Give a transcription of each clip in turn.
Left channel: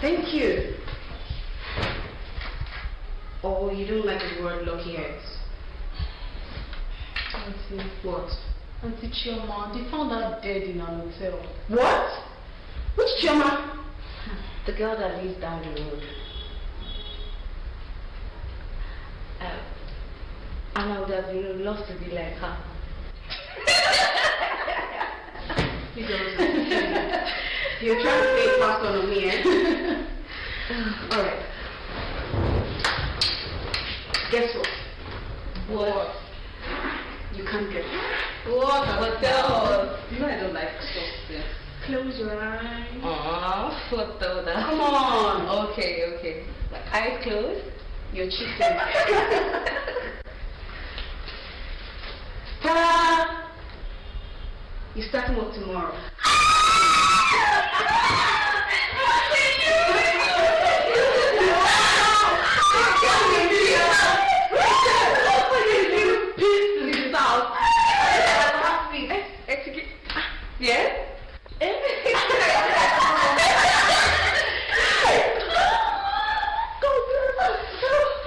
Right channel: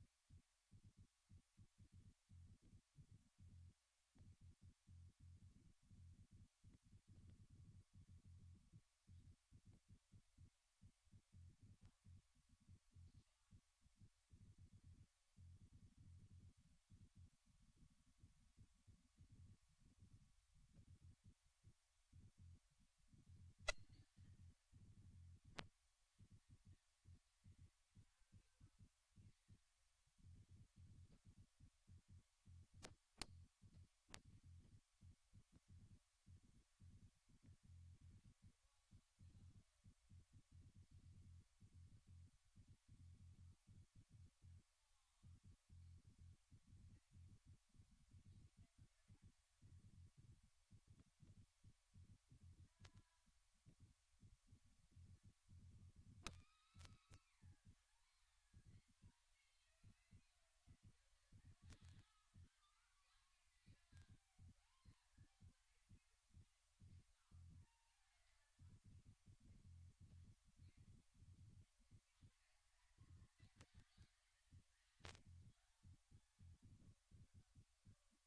Thank you. Oh, you don't like the word lucky yet? Auntie. What? Auntie Chioma, they found her dead in an hotel. What? Which Chioma? The girl that lives down the road. And I would have been loved to be like her. You don't You're trying to play fast on me, eh? Alright. Guess what? What? You can't get it. What? Hotel? You know I don't like stuff. Close your eyes. Aww, photo that. Come on. Okay. Eyes closed? You're cheating. Ta-da! You're starting work tomorrow. Yes?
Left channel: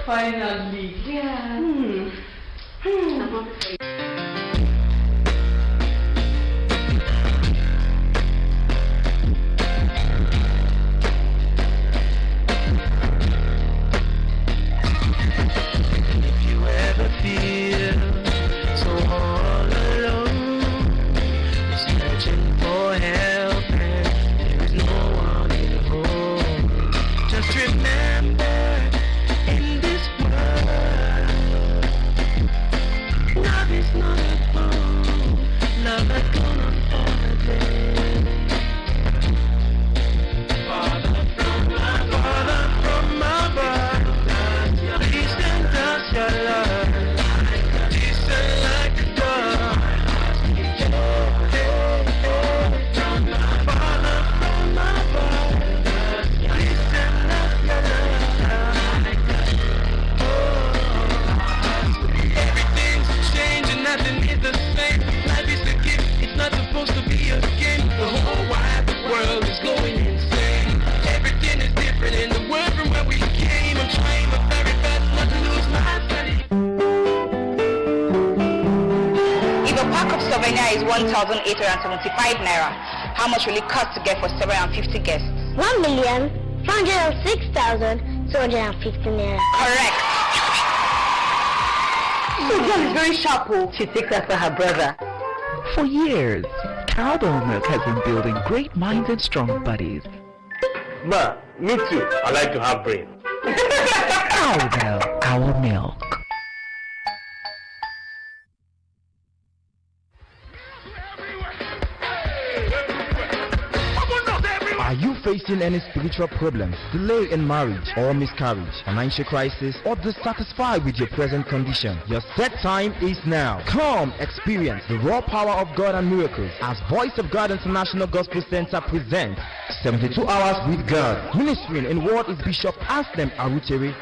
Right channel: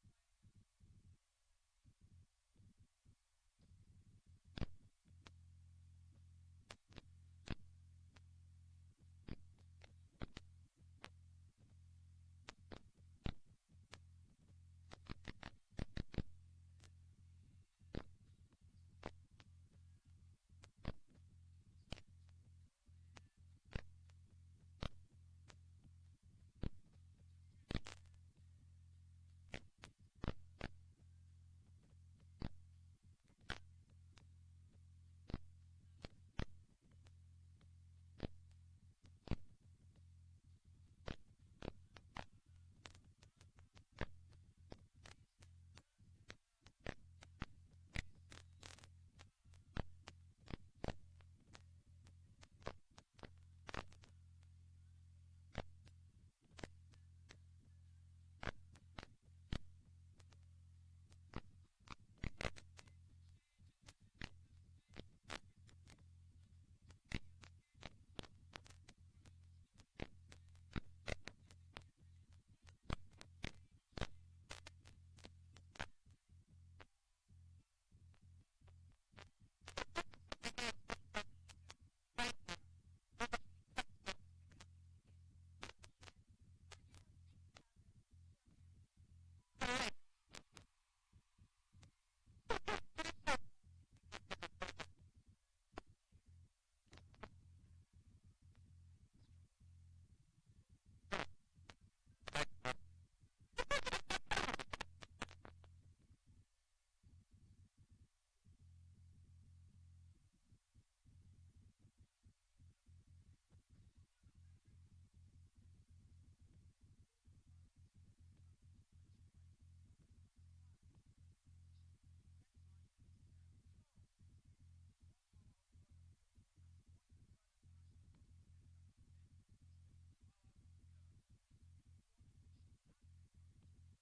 Finally. Yeah. I'm happy for you. Is 1,875 naira. How much will it cost to get for 750 guests? 1,406,250 naira. Correct. So girl is very sharp. She takes after her brother. For years, cowbell milk has been building great minds and strong bodies. Ma, me too. I like to have brain. Cowbell, our milk. Are you facing any spiritual problems, delay in marriage or miscarriage, financial crisis, or dissatisfied with your present condition? Your set time is now. Come experience the raw power of God and miracles as Voice of God International Gospel Center presents 72 Hours with God. Ministering in what is Bishop Anselm Arutere.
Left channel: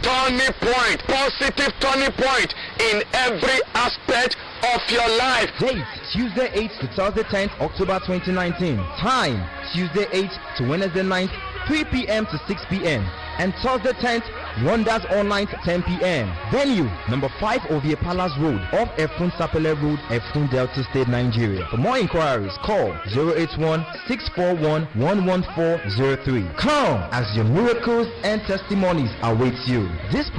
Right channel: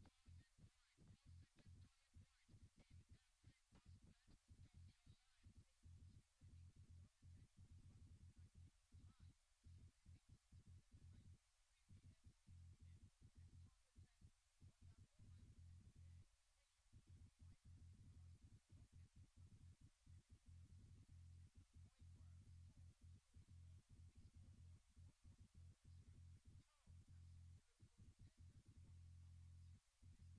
Turning point, positive turning point in every aspect of your life. Date Tuesday 8th to Thursday 10th October 2019. Time Tuesday 8th to Wednesday 9th 3 p.m. to 6 p.m. and Thursday 10th Wonders Online 10 p.m. Venue number 5 Ovie Palace Road off Efun Sapele Road, Efun Delta State, Nigeria. For more inquiries call 081-641-11403. Come as your miracles and testimonies await you. This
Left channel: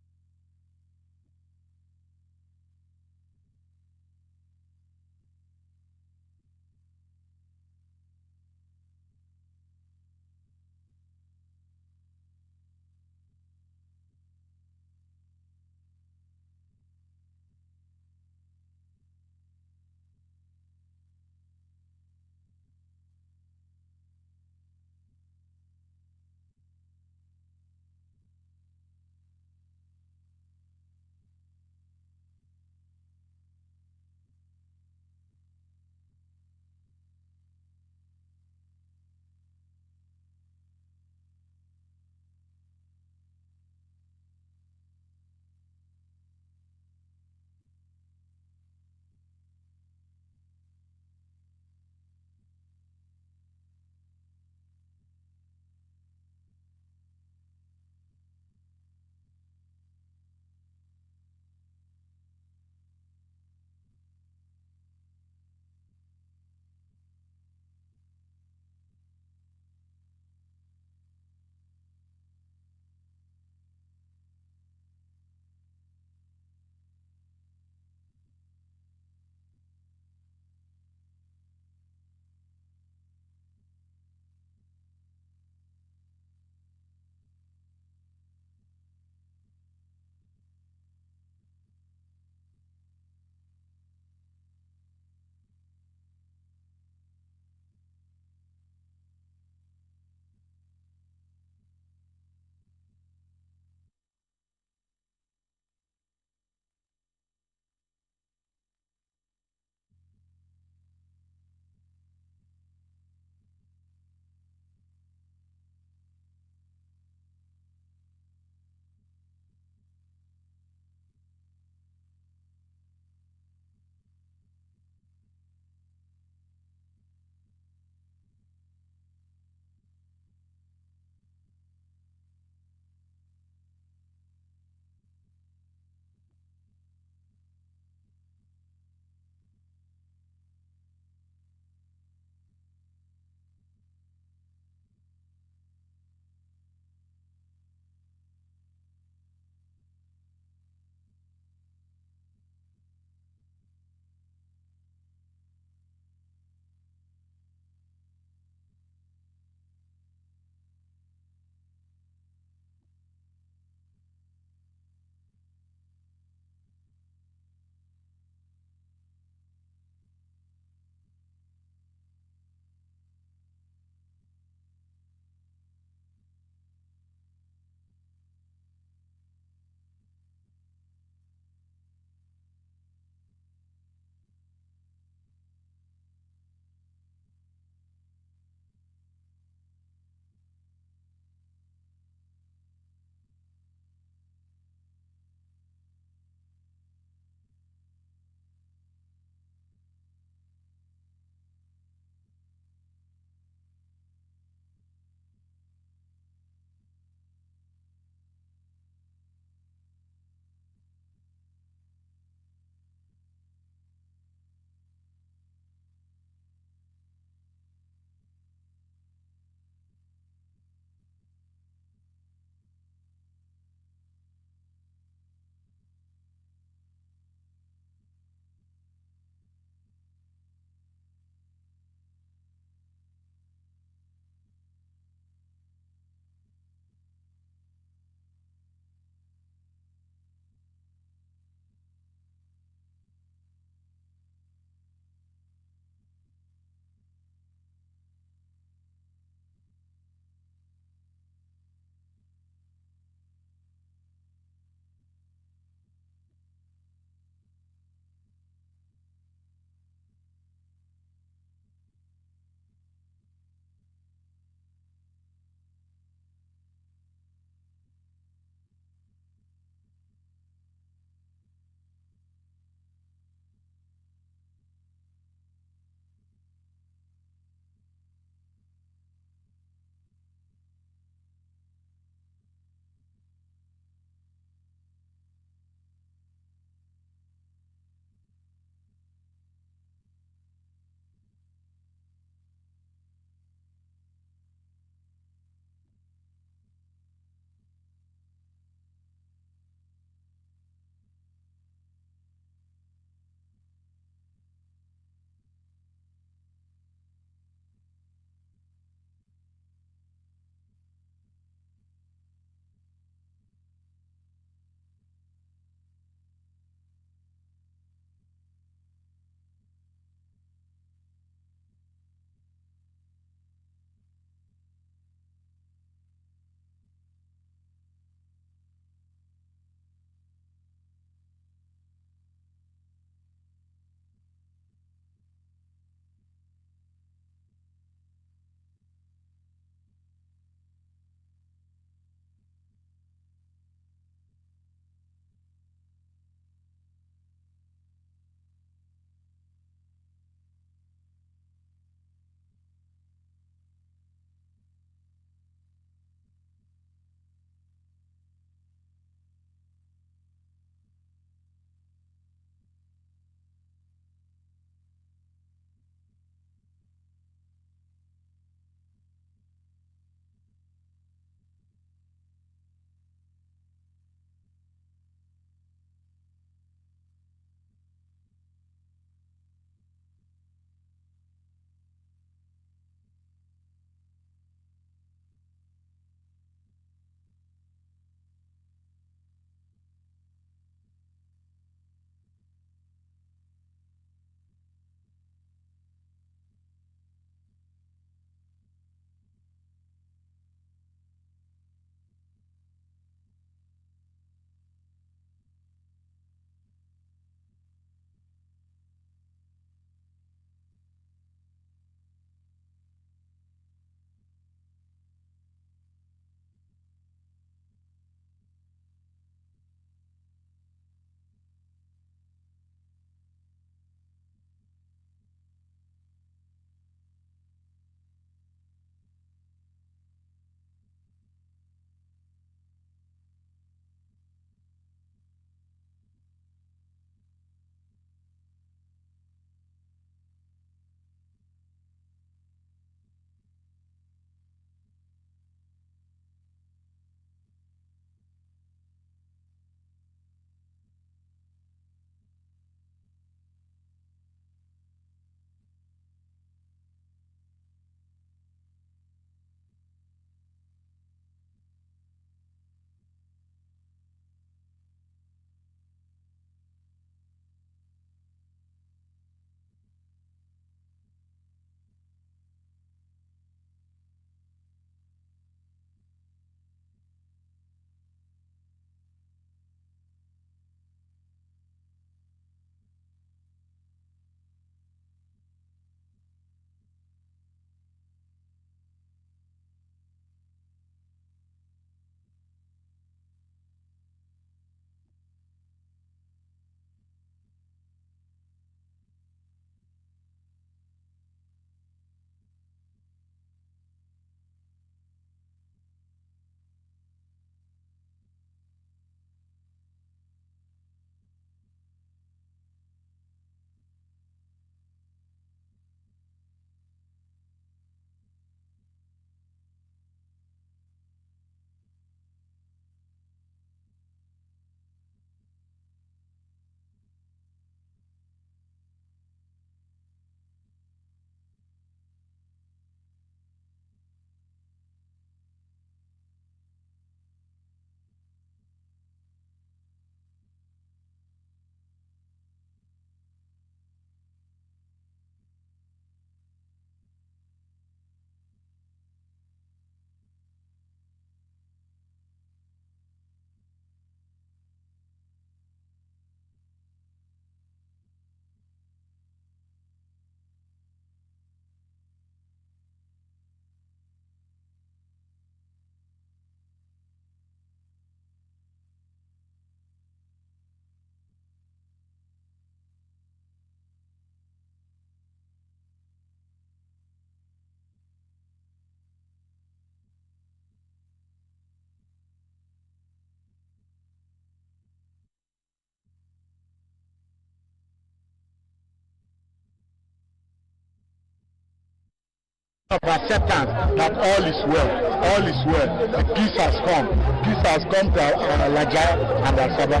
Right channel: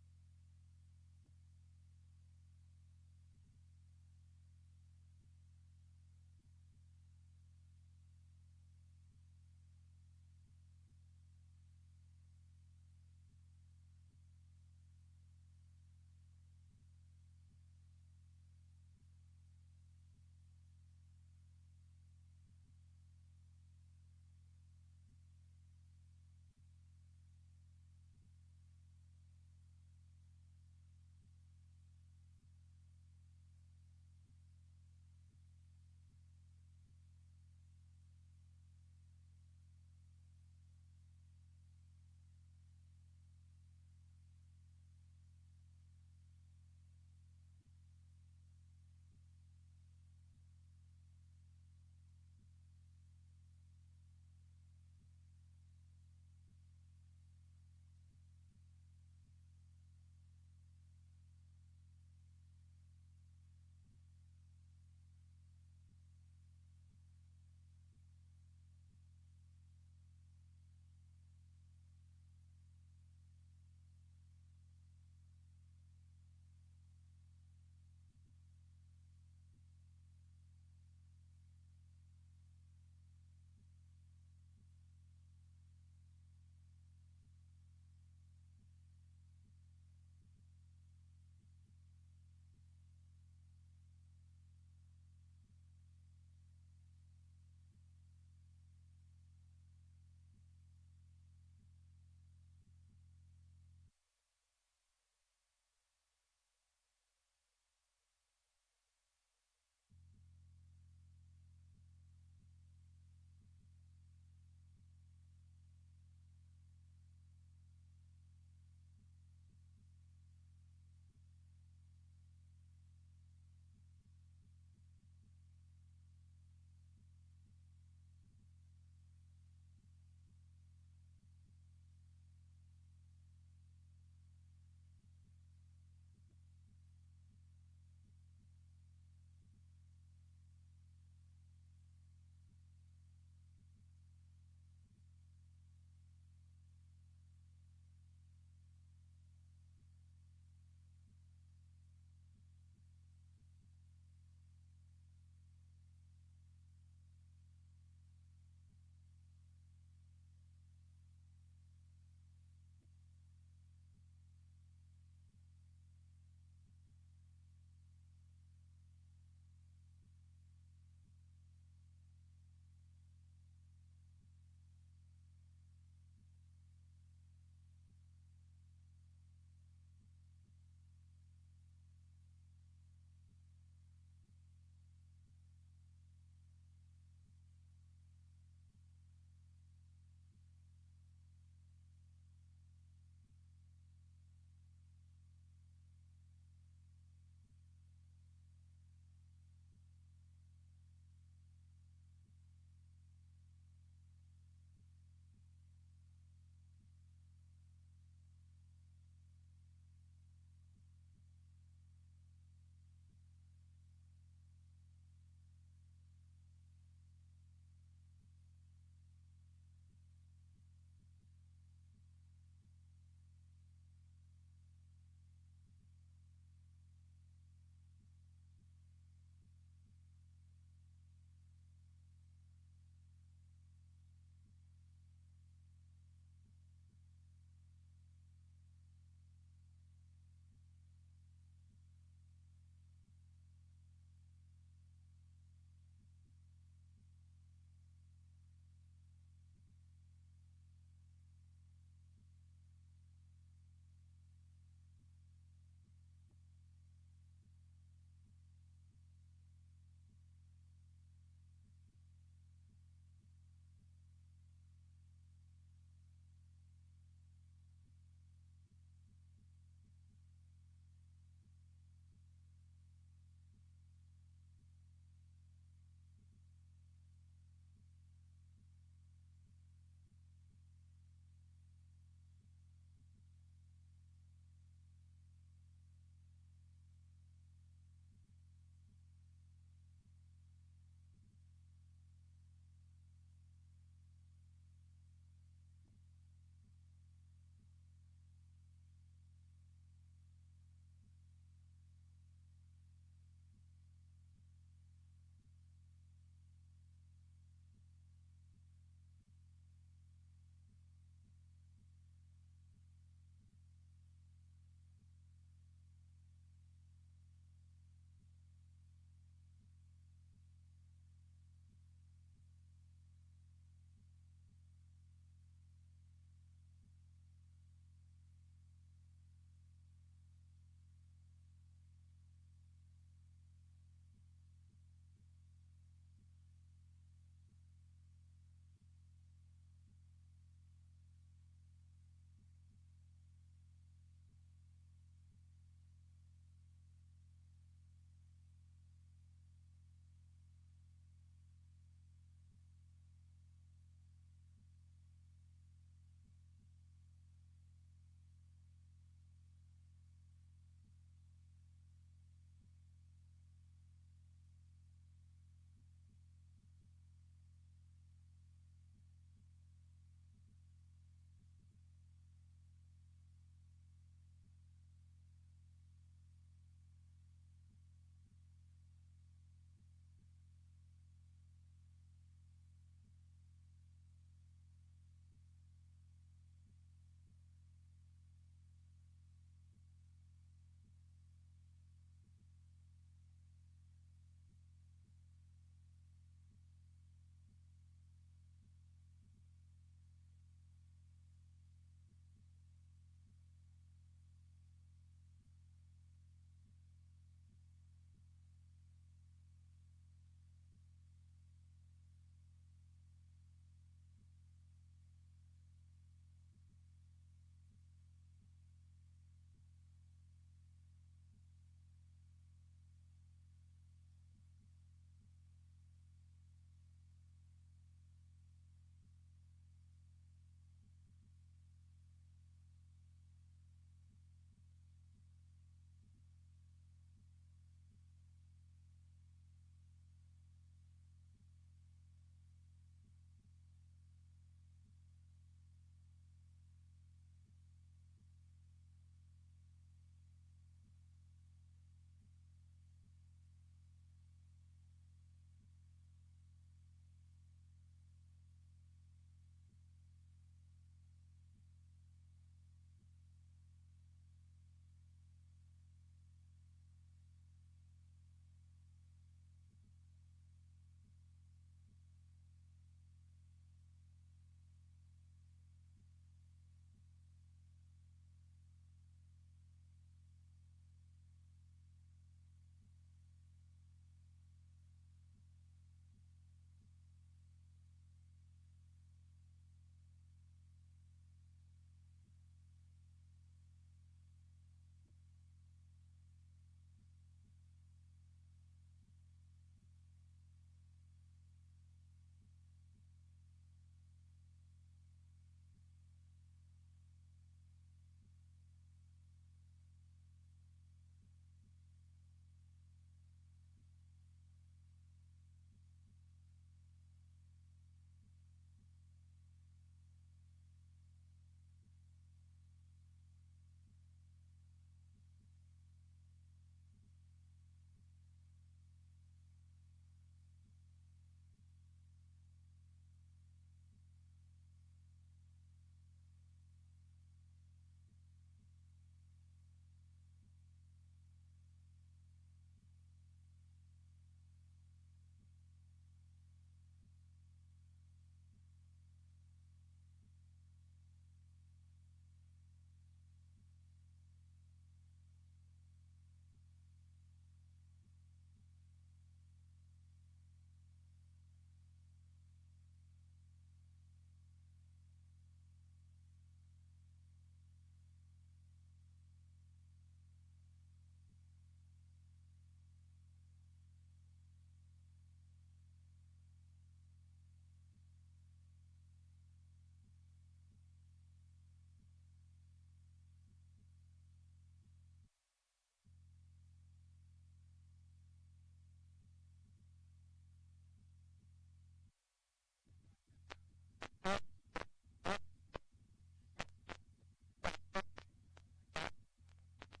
of acceptance that all is well, all is well. The peace has come. Peace has come to Alaja and Asaba,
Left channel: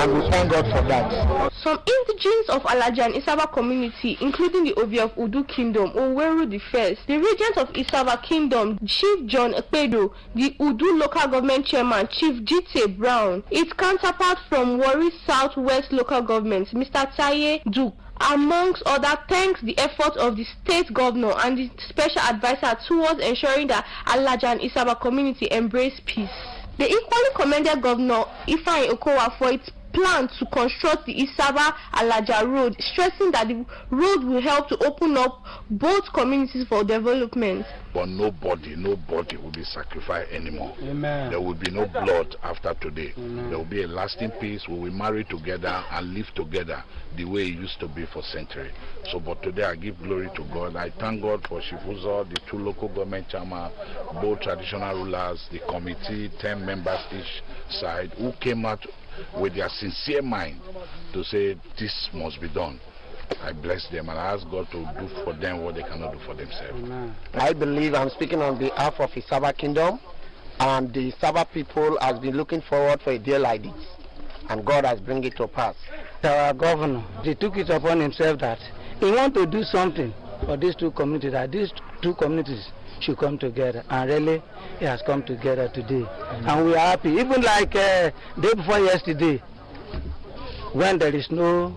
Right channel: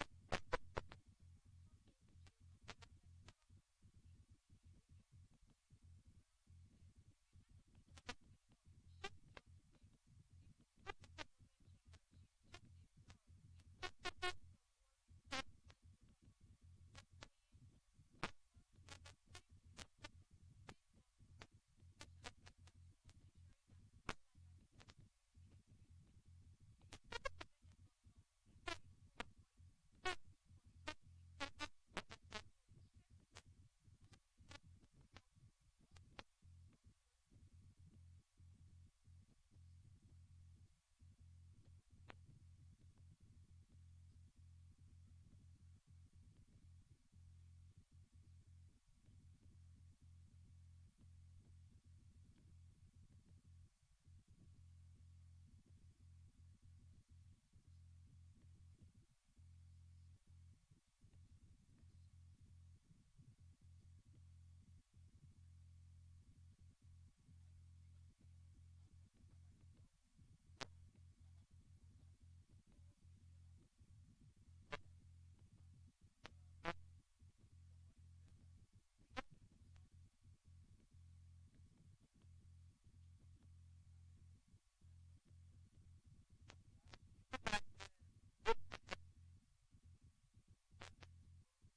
and we thank God for that. Some indigenes of Alaja and Isaba community, including the Obi of Udu Kingdom, Oweru I, the regent of Isaba Kingdom, Chief John Ekpedo, the Udu local government chairman, Chief Jite Brown, its counterpart from Warri Southwest local government, Mr. Taye Duke, amongst other, thanks the effort of the state governor and the special advisor towards ensuring that Alaja and Isaba community embrace peace. They equally commended Governor Ifeanyi Okowa for its plan to construct the Isaba-Alaja road, stressing that the road will help to open up both communities for development. But nobody will be sacrificed anymore. Amen. There will be no blood after today. Amen. There will be a lasting peace. We will marry together and live together the way it used to be for centuries. So, but today I give glory to God. I thank God for Shifuzo, the 2 local government chairmen, both traditional rulers, the committee, 10 members each side, who came out with their sincere mind to say this must be done. I bless them and I ask God to do for them what they cannot do for themselves. Amen. I believe I'm speaking on behalf of Isaba Kingdom, and the Isaba people has been looking forward for a day like this, and God has bring it to pass. Our governor, he took it upon himself that he want to do something for these 2 communities, that these 2 communities should come together, and really it has come together today. And we are happy. Even like day before yesterday, when there is no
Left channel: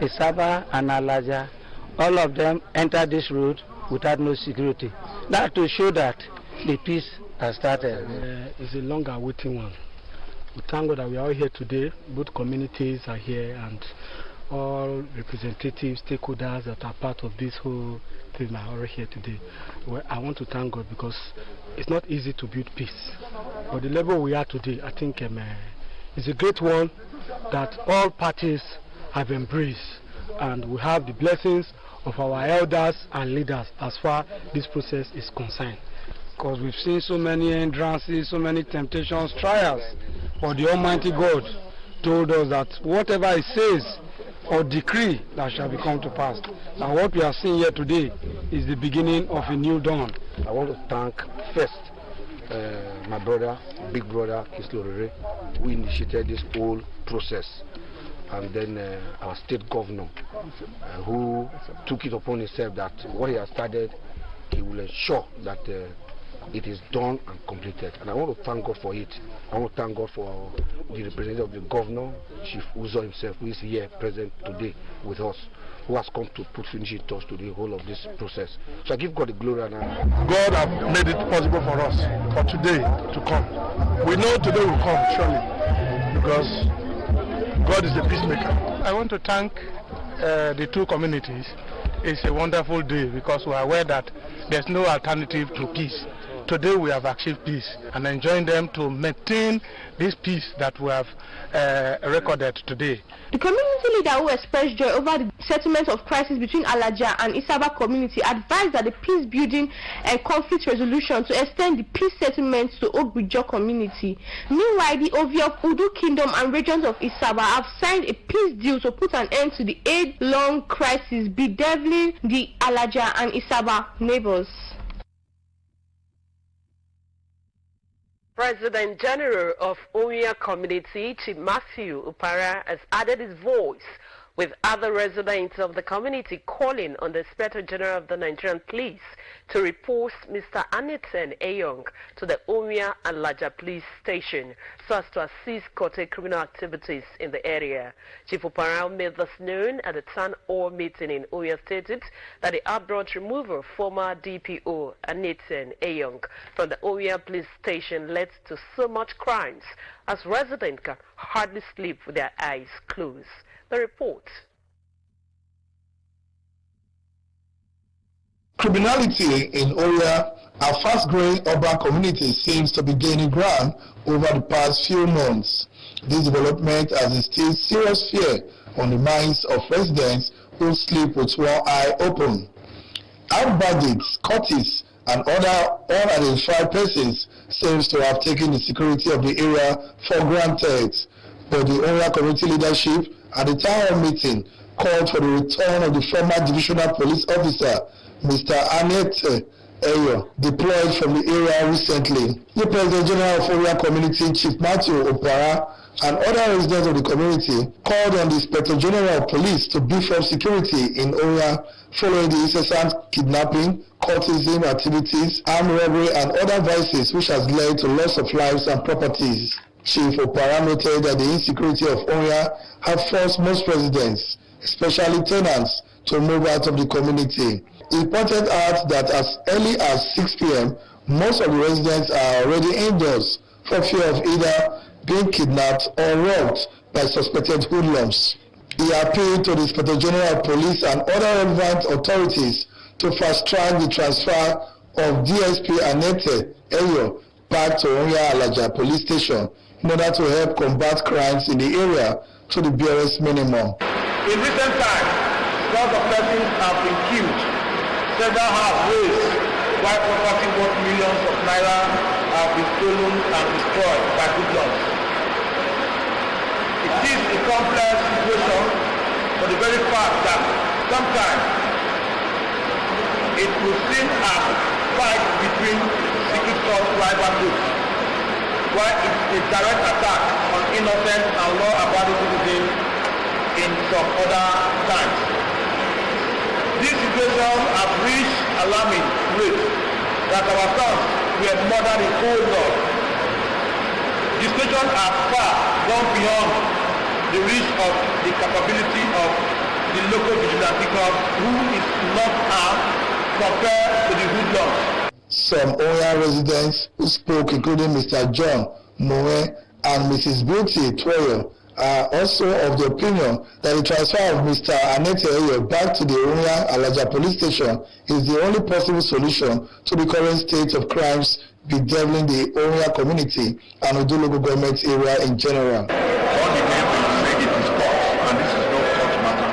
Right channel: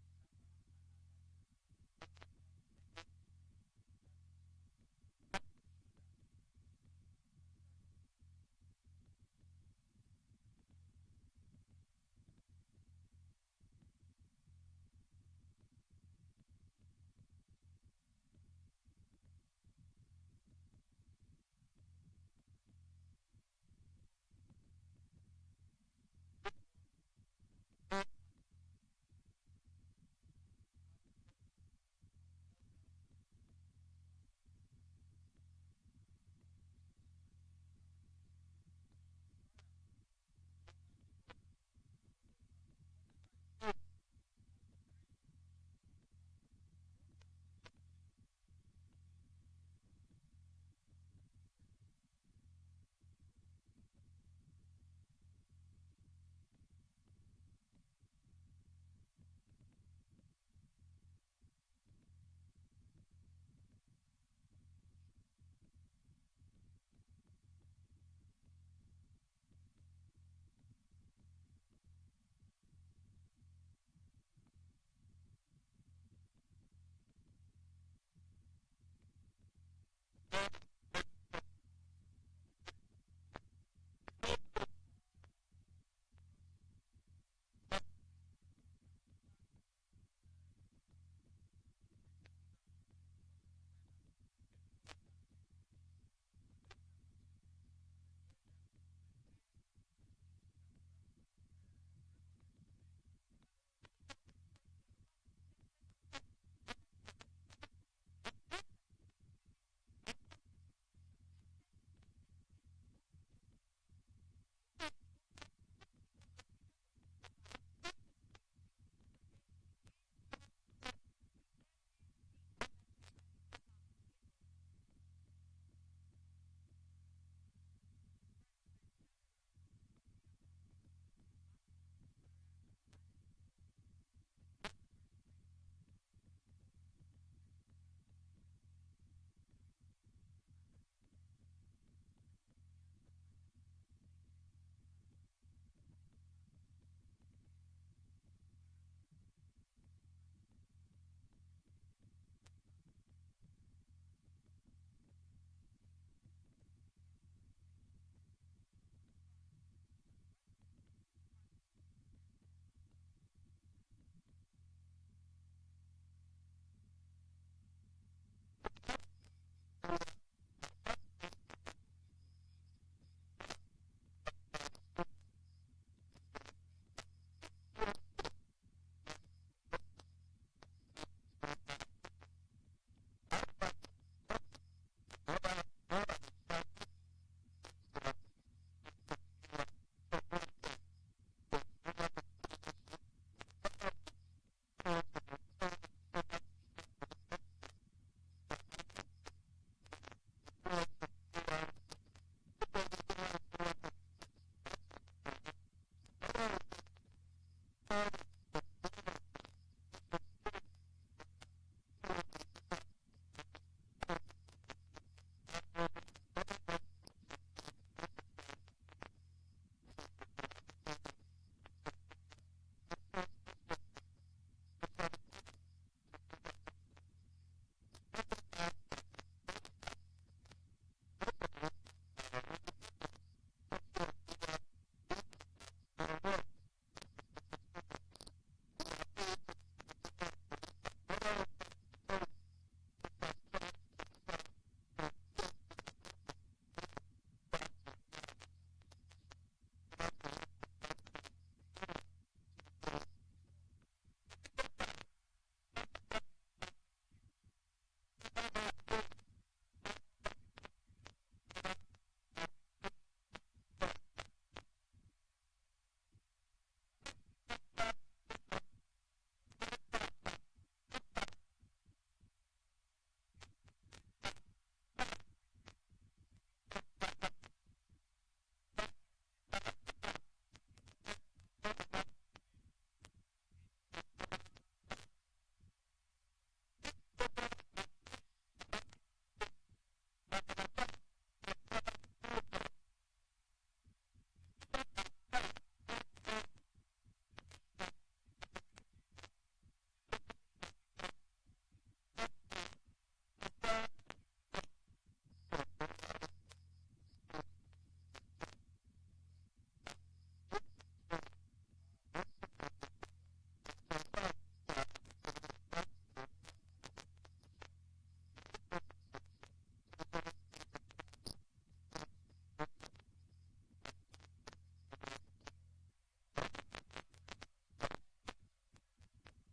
Isaba and Alaja, all of them enter this road without no security. That to show that the peace has started. It's a long awaiting one. We thank God that we are all here today. Both communities are here, and all representatives, stakeholders that are part of this whole thing are all here today. Well, I want to thank God because it's not easy to build peace. But the level we are today, I think is a great one that all parties have embraced, and we have the blessings of our elders and leaders as far this process is concerned. Because we've seen so many hindrances, so many temptations, trials, but the Almighty God told us that whatever He says or decree, that shall become to pass. Now what we are seeing here today is the beginning of a new dawn. I want to thank first my brother, big brother, Kislorere, who initiated this whole process, and then our state governor, who took it upon himself that what he has started, he will ensure that it is done and completed. And I want to thank God for it. I want to thank God for the representative of the governor, Chief Uzo himself, who is here present today with us, who has come to put finishing touch to the whole of this process. So I give God the glory and honor. God has made it possible for us for today to come. We know today will come, surely, because God is a peacemaker. I want to thank the 2 communities. It's a wonderful day because we are aware that there's no alternative to peace. Today we have achieved peace and enjoying them to maintain this peace that we have recorded today. The community leader who expressed joy over the settlement of crisis between Alaja and Isaba community advised that the peace building and conflict resolution to extend the peace settlements to Ogbijo community. Meanwhile, the Ovi of Udu Kingdom and regions of Isaba have signed a peace deal to put an end to the age-long crisis bedeviling the Alaja and Isaba neighbors. President General of Oya Community, Chief Matthew Upara, has added his voice with other residents of the community calling on the Inspector General of the Nigerian Police to report Mr. Aniten Eyong to the Oya and Laja Police Station so as to assist curtail criminal activities in the area. Chief Upara made this known at the town hall meeting in Oya, stated that the abrupt removal of former DPO Aniten Eyong from the Oya Police Station led to so much crimes as residents can hardly sleep with their eyes closed. The report. Criminality in Oya, a fast-growing urban community, seems to be gaining ground over the past few months. This development has instilled serious fear on the minds of residents who sleep with one eye open. Armed bandits, cultists, and other unidentified persons seems to have taken the security of the area for granted. But the Oya community leadership at the town hall meeting called for the return of the former divisional police officer, Mr. Annette Eyo, deployed from the area recently. The President General of Oria Community, Chief Matthew Opara, and other residents of the community called on the Inspector General of Police to beef up security in Oria following the incessant kidnapping, cultism activities, armed robbery, and other vices which has led to loss of lives and properties. Chief Opara noted that the insecurity of Oria have forced most residents, especially tenants, to move out of the community. He pointed out that as early as 6 p.m., most of the residents are already indoors for fear of either being kidnapped or robbed by suspected hoodlums. He appealed to the Inspector General of Police and other relevant authorities to fast-track the transfer of DSP Annette Eyo back to Onya Alaja Police Station in order to help combat crimes in the area to the barest minimum. In recent times, scores of persons have been killed. Several have raised, while property worth millions of naira have been stolen and destroyed by hoodlums. It is a complex situation for the very fact that sometimes it will seem as fight between secret force rival groups, while it's a direct attack on innocent and law-abiding citizens in some other times. This situation has reached alarming rates that our sons were murdered in cold blood. The situation has far gone beyond the reach of the capability of the local vigilante corps, who is not armed compared to the hoodlums. Some Oya residents who spoke, including Mr. John Moe and Mrs. Beauty Toyo, are also of the opinion that the transfer of Mr. Annette Eyo back to the Oya Alaja Police Station is the only possible solution to the current state of crimes bedeviling the Oya community and Odo local government area in general. All the neighbors say it is court, and this is no court matter.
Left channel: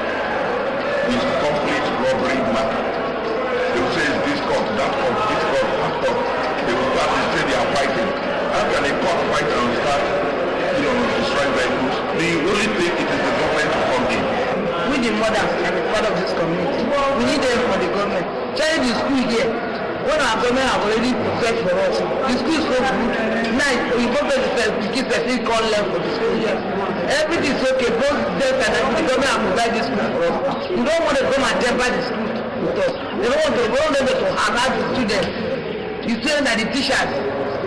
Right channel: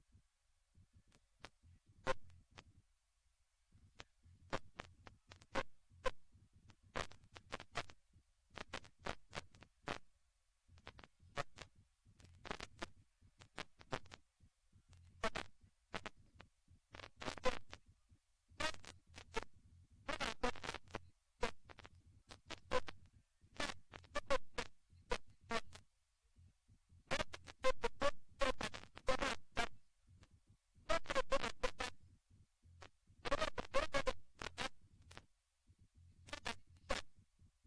It's complete robbery matter. They will say it's this court, that court, this court, that court. They will start to say they are fighting. How can a court fight and start, destroying vehicles? The only thing it is the government to come in. We the mothers and the part of this community, we need them for the government. Tell the school here, when our government have already prepared for us, the school is so good. Now, we prepare the kids that they call them for the school here. Everything is okay, both death and the government have provided this school for us. We don't want to come and temper the school with us. They don't want them to harass the students. The students and the teachers,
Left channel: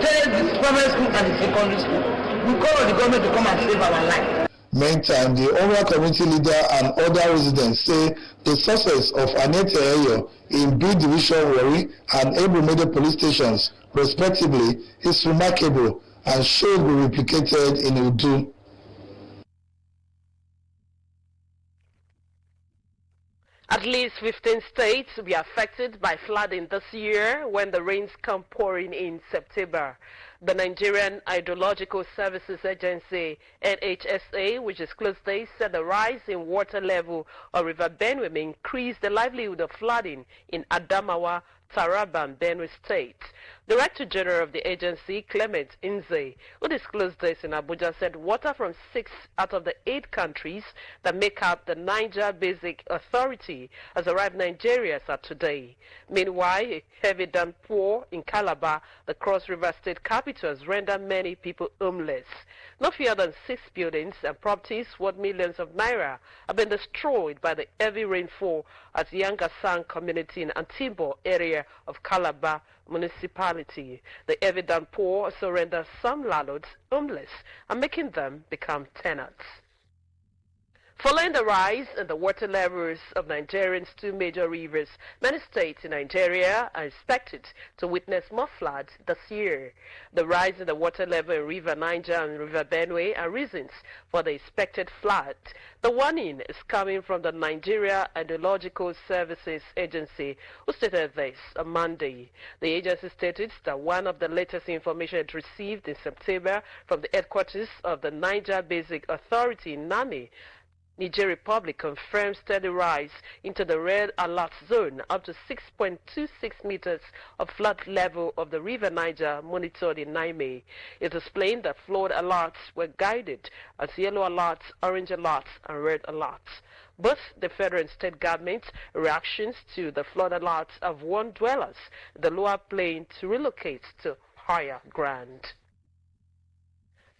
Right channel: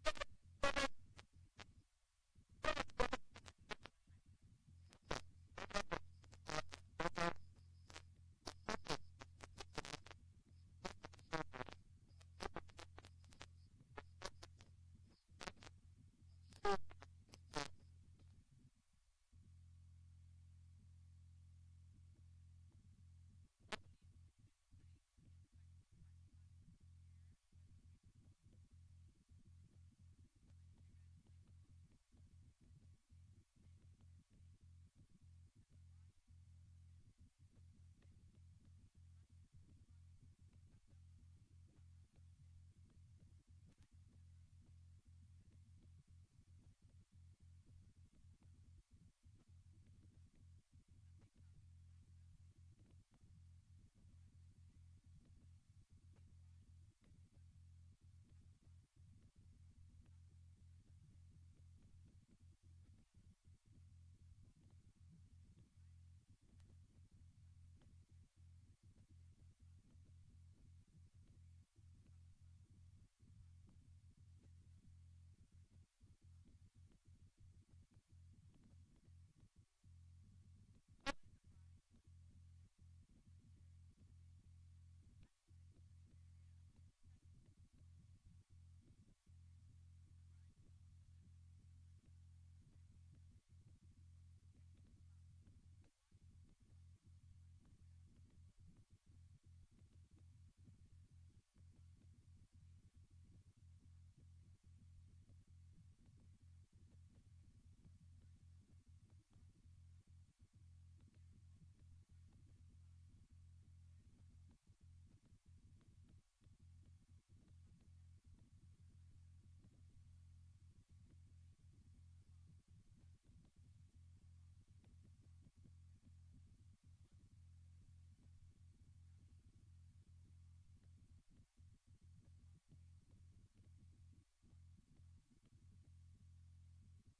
tell the primary school and the secondary school. We call on the government to come and save our life. Meantime, the Oria community leader and other residents say the success of Annette Eyo in B Division Wari and Ebrumede police stations, respectively, is remarkable and should be replicated in Udu. At least 15 states will be affected by flooding this year when the rains come pouring in September. The Nigerian Hydrological Services Agency, NHSA, which disclosed this, said the rise in water level of River Benue may increase the livelihood of flooding in Adamawa, Taraba, and Benue State. Director General of the agency, Clement Inze, who disclosed this in Abuja, said water from 6 out of the 8 countries that make up the Niger Basic Authority has arrived in Nigeria as of today. Meanwhile, a heavy downpour in Calabar, the Cross River State capital, has rendered many people homeless. No fewer than 6 buildings and properties worth millions of naira have been destroyed by the heavy rainfall at Yangasang community in Antimbo area of Calabar municipality. The heavy downpour also renders some landlords homeless and making them become tenants. Following the rise in the water levels of Nigeria's 2 major rivers, many states in Nigeria are expected to witness more floods this year. The rise in the water level in River Niger and River Benue are reasons for the expected flood. The warning is coming from the Nigeria Hydrological Services Agency, who stated this on Monday. The agency stated that one of the latest information it received in September from the headquarters of the Niger Basic Authority in Niamey, Niger Republic, confirms steady rise into the red alert zone up to 6.26 meters of flood level of the River Niger monitored in Niamey. It explained that flood alerts were guided as yellow alerts, orange alerts, and red alerts. Both the federal and state governments' reactions to the flood alerts have warned dwellers in the lower plain to relocate to higher ground.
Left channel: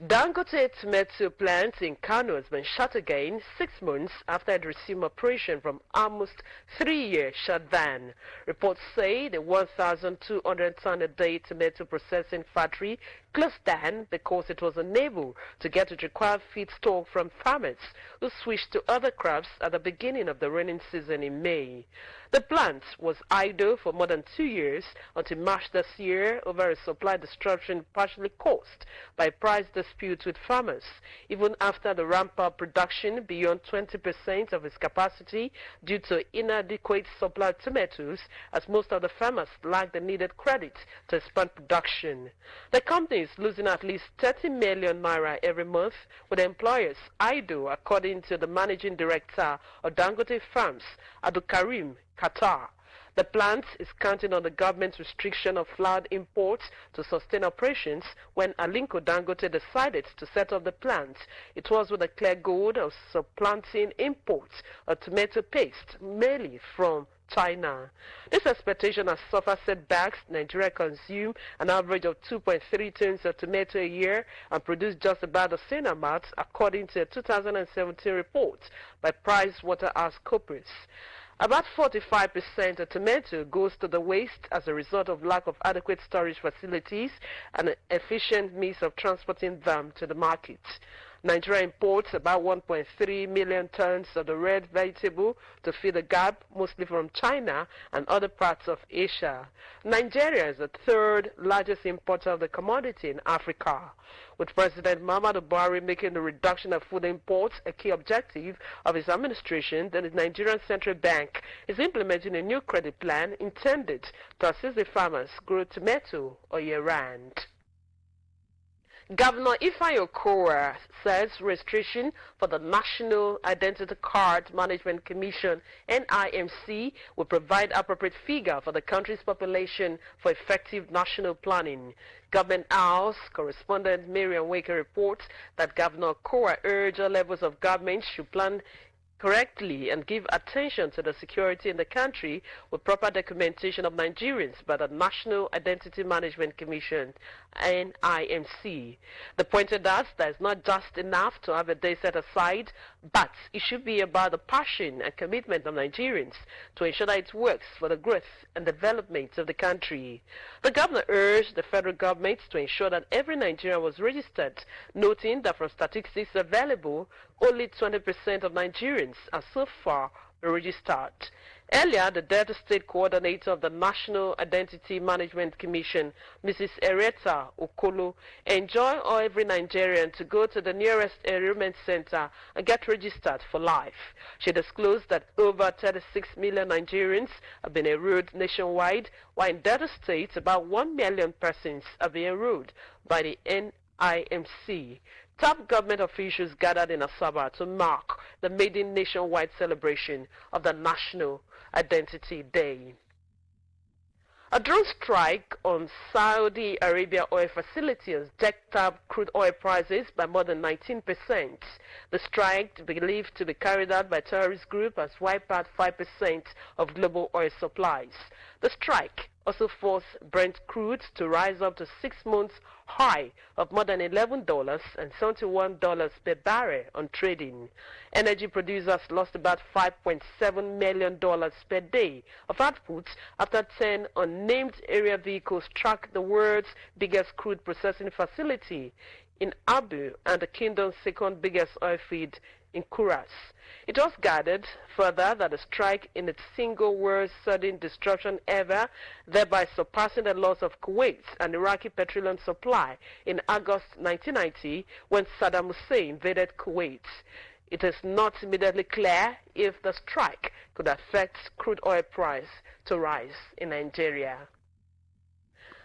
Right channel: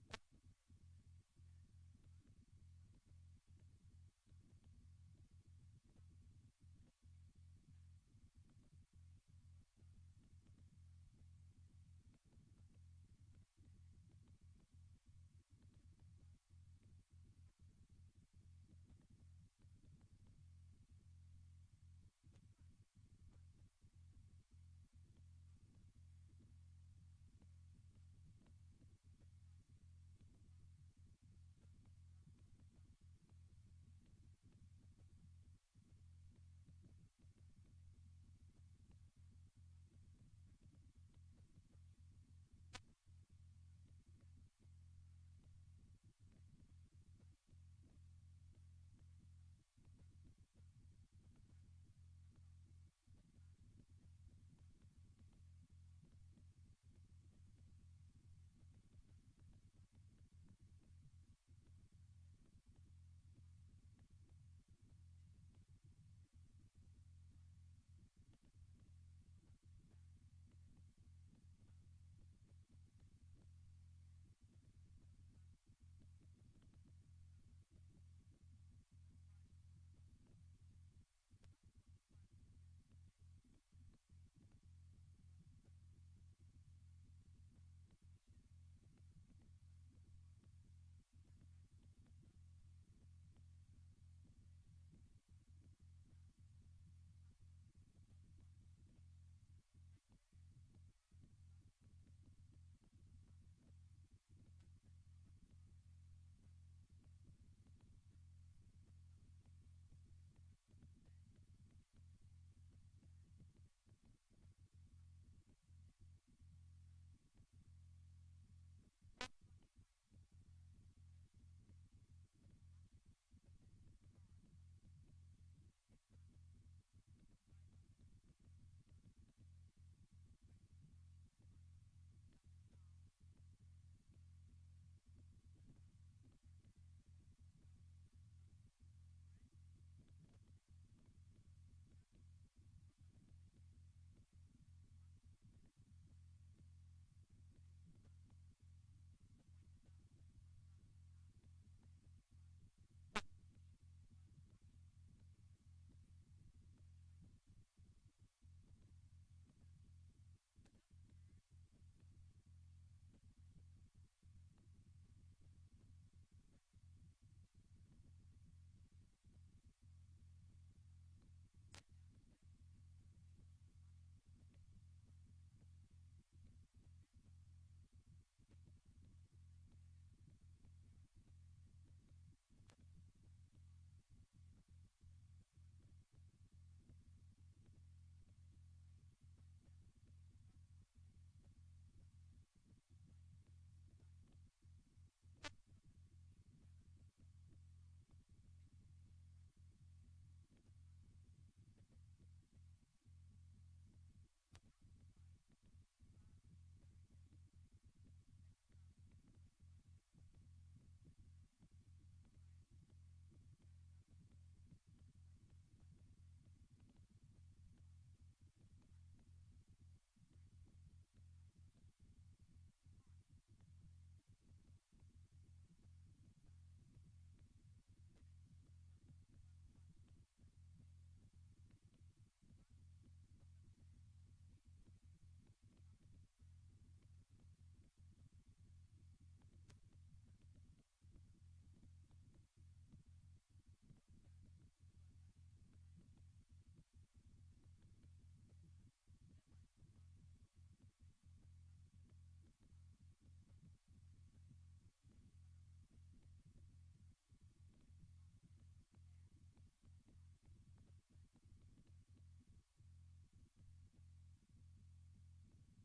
Dangote tomato plant in Kano has been shut again 6 months after it resumed operation from almost 3-year shutdown. Reports say the 1,200-ton-a-day tomato processing factory closed down because it was unable to get its required feedstock from farmers who switched to other crops at the beginning of the rainy season in May. The plant was idle for more than 2 years until March this year over a supply disruption partially caused by price disputes with farmers, even after the ramp-up production beyond 20% of its capacity due to inadequate supply of tomatoes, as most of the farmers lack the needed credit to expand production. The company is losing at least 30 million naira every month, with employers idle, according to the managing director of Dangote Farms, Abdul Karim Qatar. The plant is counting on the government's restriction of flour imports to sustain operations. When Alinko Dangote decided to set up the plant, it was with a clear goal of supplanting imports of tomato paste, mainly from China. This expectation has suffered setbacks. Nigeria consumed an average of 2.3 tons of tomato a year and produced just about the same amount, according to a 2017 report by PricewaterhouseCoopers. About 45% of tomato goes to the waste as a result of lack of adequate storage facilities and an efficient means of transporting them to the market. Nigeria imports about 1.3 million tons of the red vegetable to fill the gap, mostly from China and other parts of Asia. Nigeria is the third largest importer of the commodity in Africa. With President Muhammadu Buhari making the reduction of food imports a key objective of his administration, the Nigerian Central Bank is implementing a new credit plan intended to assist the farmers grow tomato all year round. Governor Ifeanyi Okowa says registration for the National Identity Card Management Commission, NIMC, will provide appropriate figure for the country's population for effective national planning. Government House correspondent Marian Waker reports that Governor Okowa urged all levels of government should plan correctly and give attention to the security in the country with proper documentation of Nigerians by the National Identity Management Commission, NIMC. They pointed out that it's not just enough to have a day set aside, but it should be about the passion and commitment of Nigerians to ensure that it works for the growth and development of the country. The governor urged the federal government to ensure that every Nigerian was registered, noting that from statistics available, only 20% of Nigerians are so far registered. Earlier, the Delta State Coordinator of the National Identity Management Commission, Mrs. Ereta Okolo, enjoined every Nigerian to go to the nearest enrollment center and get registered for life. She disclosed that over 36 million Nigerians have been enrolled nationwide, while in Delta State, about 1 million persons have been enrolled by the NIMC. Top government officials gathered in Asaba to mark the maiden nationwide celebration of the National Identity Day. A drone strike on Saudi Arabia oil facilities jacked up crude oil prices by more than 19%. The strike, believed to be carried out by a terrorist group, has wiped out 5% of global oil supplies. The strike also forced Brent crude to rise up to 6 months high of more than $11 and $71 per barrel on trading. Energy producers lost about $5.7 million per day of output after 10 unnamed area vehicles struck the world's biggest crude processing facility in Abu and the kingdom's second biggest oil field in Kuras. It was guided further that the strike in its single worst sudden disruption ever, thereby surpassing the loss of Kuwait and Iraqi petroleum supply in August 1990 when Saddam Hussein invaded Kuwait. It is not immediately clear if the strike could affect crude oil price to rise in Nigeria.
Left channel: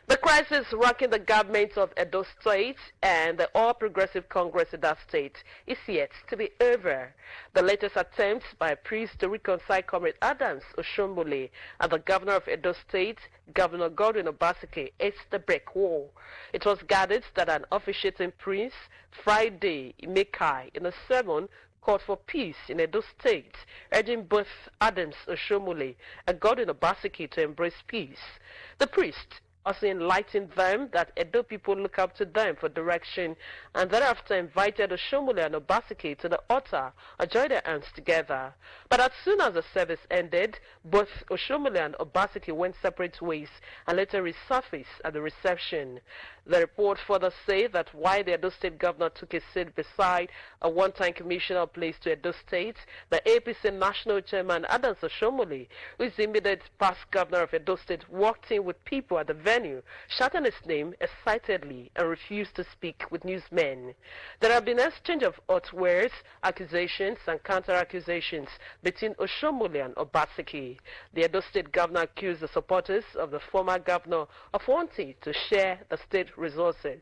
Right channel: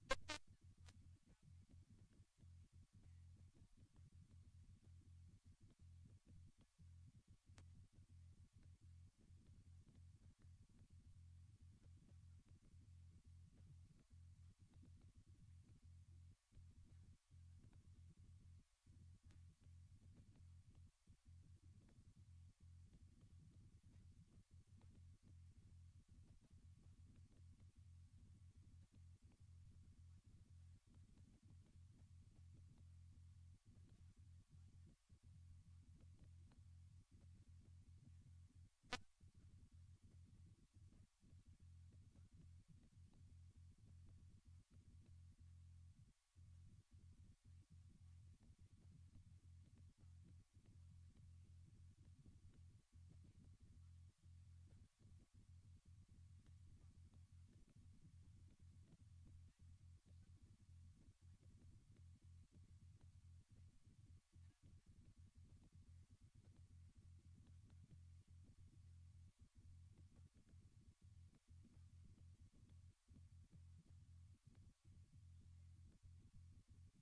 The crisis rocking the governments of Edo State and the All Progressive Congress in that state is yet to be over. The latest attempts by a priest to reconcile Comrade Adams Oshombole and the governor of Edo State, Governor Godwin Obaseki, is the brick wall. It was gathered that an officiating priest, Friday Imekai, in a sermon, called for peace in Edo State, urging both Adams Oshomole and Godwin Obaseki to embrace peace. The priest also enlightened them that Edo people look up to them for direction, and thereafter invited Oshomole and Obaseki to the altar and joined their hands together. But as soon as the service ended, both Oshomole and Obaseki went separate ways and later resurfaced at the reception. The report further said that while the Edo State governor took a seat beside a one-time commissioner placed to Edo State, the APC national chairman Adams Oshomole, who is the immediate past governor of Edo State, walked in with people at the venue, shouting his name excitedly and refused to speak with newsmen. There have been an exchange of hot words, accusations and counter-accusations between Oshomole and Obaseki. The Edo State governor accused the supporters of the former governor of wanting to share the state resources.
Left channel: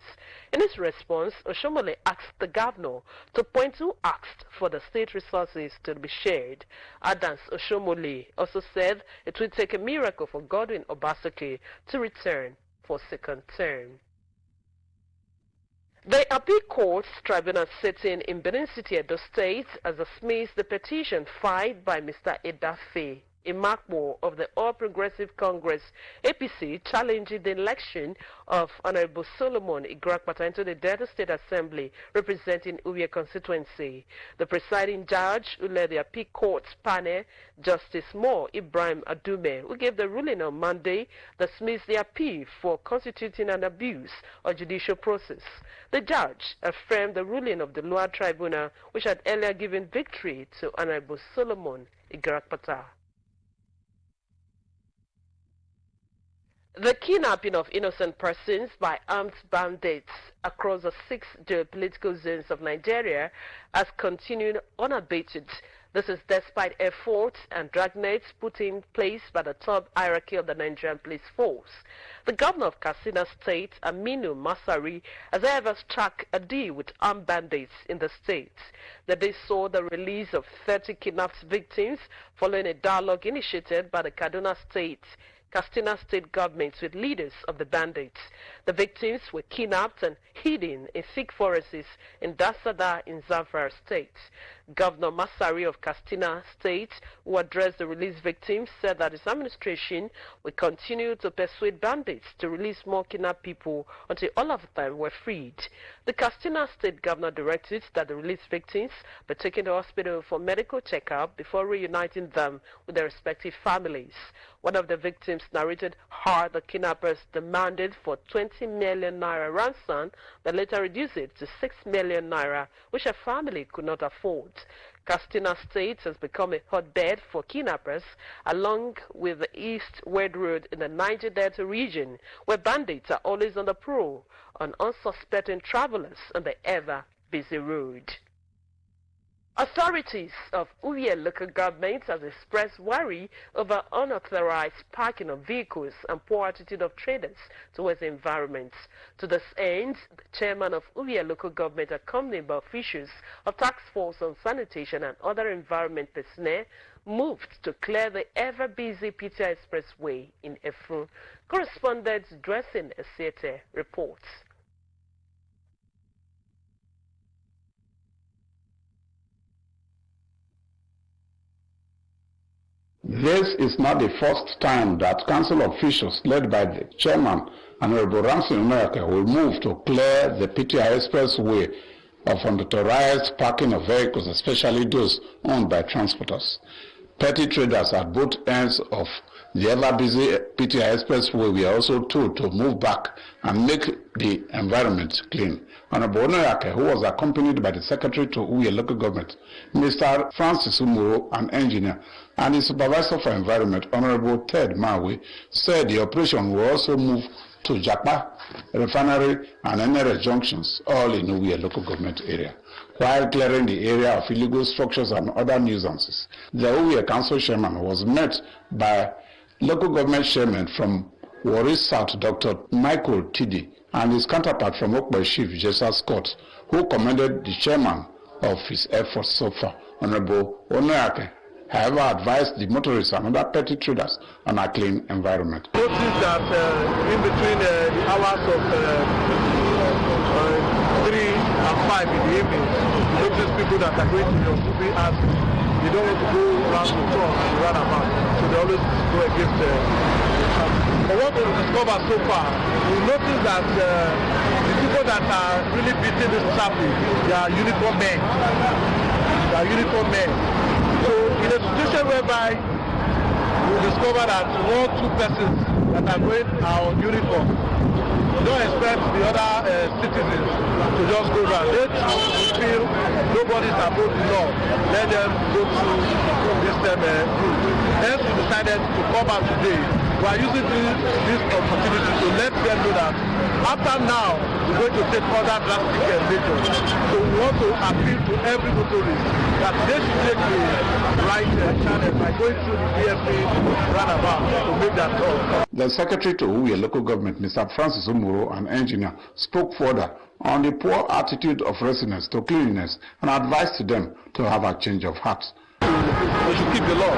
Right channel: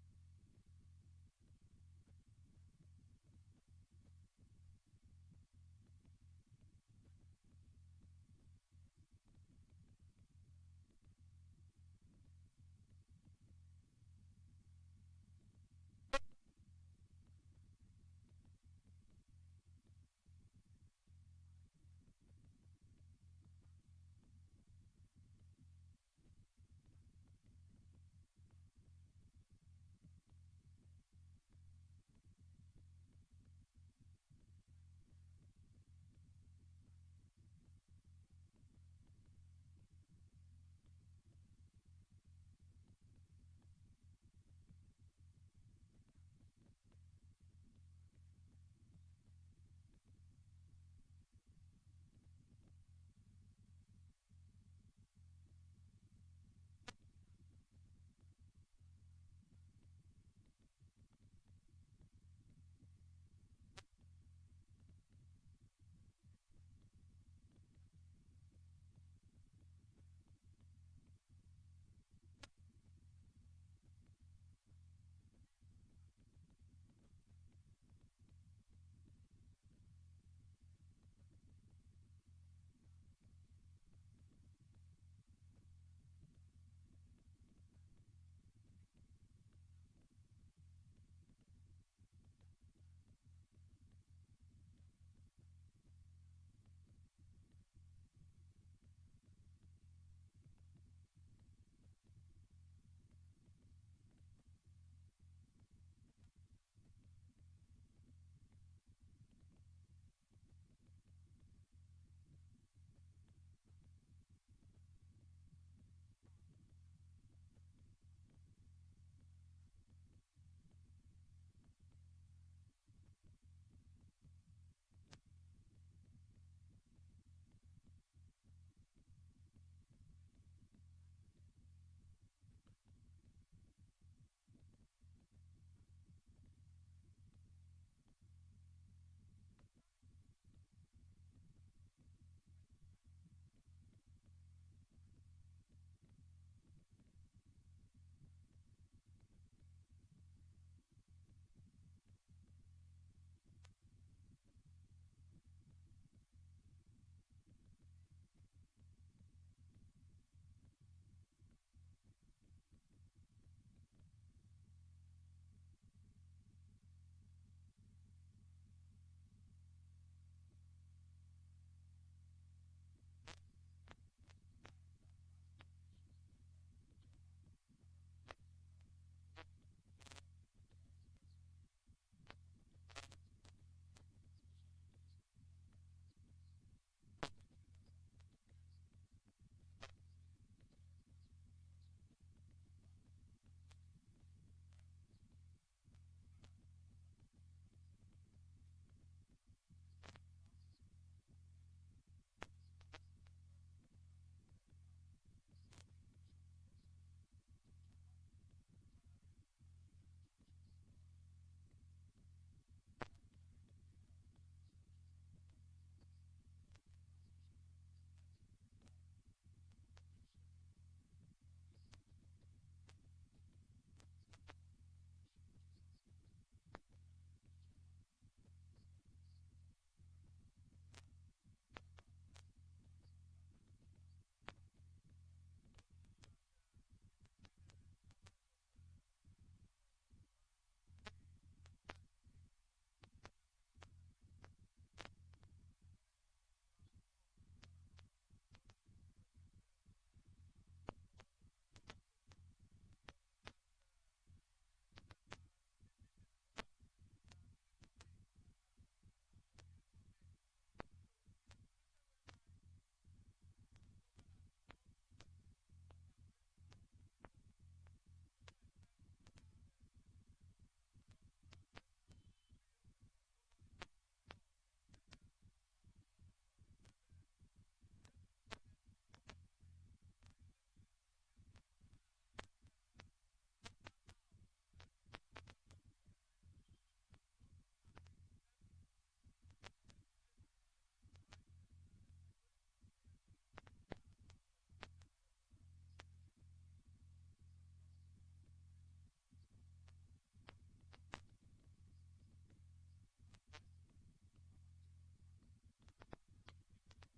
In his response, Oshomole asked the governor to point who asked for the state resources to be shared. Adams Oshomole also said it would take a miracle for Godwin Obaseki to return for second term. The Appeal Court's tribunal sitting in Benin City, Edo State, has dismissed the petition filed by Mr. Edafe Imakbo of the All Progressive Congress, APC, challenging the election of Honorable Solomon Igrakpata into the Delta State Assembly representing Uwie constituency. The presiding judge who led the Appeal Court's panel, Justice Mo Ibrahim Adume, who gave the ruling on Monday, dismissed the appeal for constituting an abuse of judicial process. The judge affirmed the ruling of the lower tribunal, which had earlier given victory to Honorable Solomon Igrakpata. The kidnapping of innocent persons by armed bandits across the 6 geopolitical zones of Nigeria has continued unabated. This is despite efforts and dragnets put in place by the top hierarchy of the Nigerian police force. The governor of Katsina State, Aminu Masari, has however struck a deal with armed bandits in the state. The day saw the release of 30 kidnapped victims following a dialogue initiated by the Katsina State government with leaders of the bandits. The victims were kidnapped and hidden in thick forests in Dasada in Zamfara State. Governor Masari of Katsina State, who addressed the released victims, said that his administration will continue to persuade bandits to release more kidnapped people until all of them were freed. The Katsina State governor directed that the released victims be taken to hospital for medical checkup before reuniting them with their respective families. One of the victims narrated how the kidnappers demanded for 20 million naira ransom, but later reduced it to 6 million naira, which her family could not afford. Katsina State has become a hotbed for kidnappers, along with the East-West Road in the Niger Delta region, where bandits are always on the prowl on unsuspecting travelers on the ever-busy road. Authorities of Uwie local government have expressed worry over unauthorized parking of vehicles and poor attitude of traders towards the environment. To this end, the chairman of Uwie local government, accompanied by officials of Task Force on Sanitation and other environment personnel, moved to clear the ever-busy PTI Expressway in Efru. Correspondent Dressing Esiete reports. This is not the first time that council officials led by the chairman, Honorable Ramsey America, will move to clear the PTI Expressway of unauthorized parking of vehicles, especially those owned by transporters. Petty traders at both ends of the ever-busy PTI Expressway were also told to move back and make the environment clean. Honorable Onoyake, who was accompanied by the Secretary to Uwie Local Government, Mr. Francis Umuro, an engineer, and the Supervisor for Environment, Honorable Ted Mawe, said the operation will also move to Japa, Refinery, and NRS junctions, all in Uwie Local Government area, while clearing the area of illegal structures and other nuisances. The Uwie Council Chairman was met by Local Government Chairman from Warri South, Dr. Michael Tidi, and his counterpart from Okpa Chief, Jessa Scott, who commended the chairman of his efforts so far. Honorable Onoyake, however, advised the motorists and other petty traders on a clean environment. Notice that in between the hours of 3 and 5 in the evening, these people that are going to your movie and they don't want to go around the tour and run about. So they always go against the traffic. But what we discovered so far, we notice that the people that are really beating this traffic, they are uniformed men. They are uniformed men. So in a situation whereby we discover that 1 or 2 persons that are going are on uniform, we don't expect the other citizens to just go around. They too feel nobody is above the law. Let them go through this route. Hence we decided to come out today. We are using this opportunity to let them know that after now, we're going to take other drastic measures. So we want to appeal to every motorist that they should take the right channel by going through the DFA roundabout to make that call. The Secretary to Uwe Local Government, Mr. Francis Umuro, an engineer, spoke further on the poor attitude of residents to cleanliness and advised them to have a change of heart. They should keep the law.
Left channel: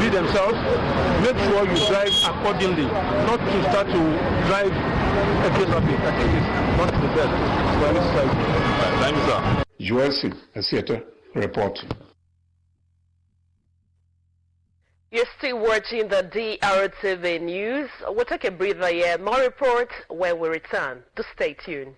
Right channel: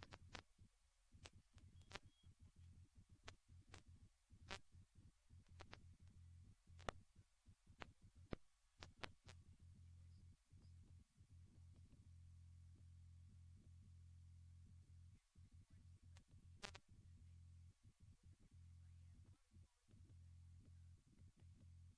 Be themselves. Make sure you drive accordingly, not to start to drive against traffic. I think it's not the best for any society. Thank you, sir. ULC, a theater report. You're still watching the DRTV news. We'll take a breather here. More reports when we return. Do stay tuned.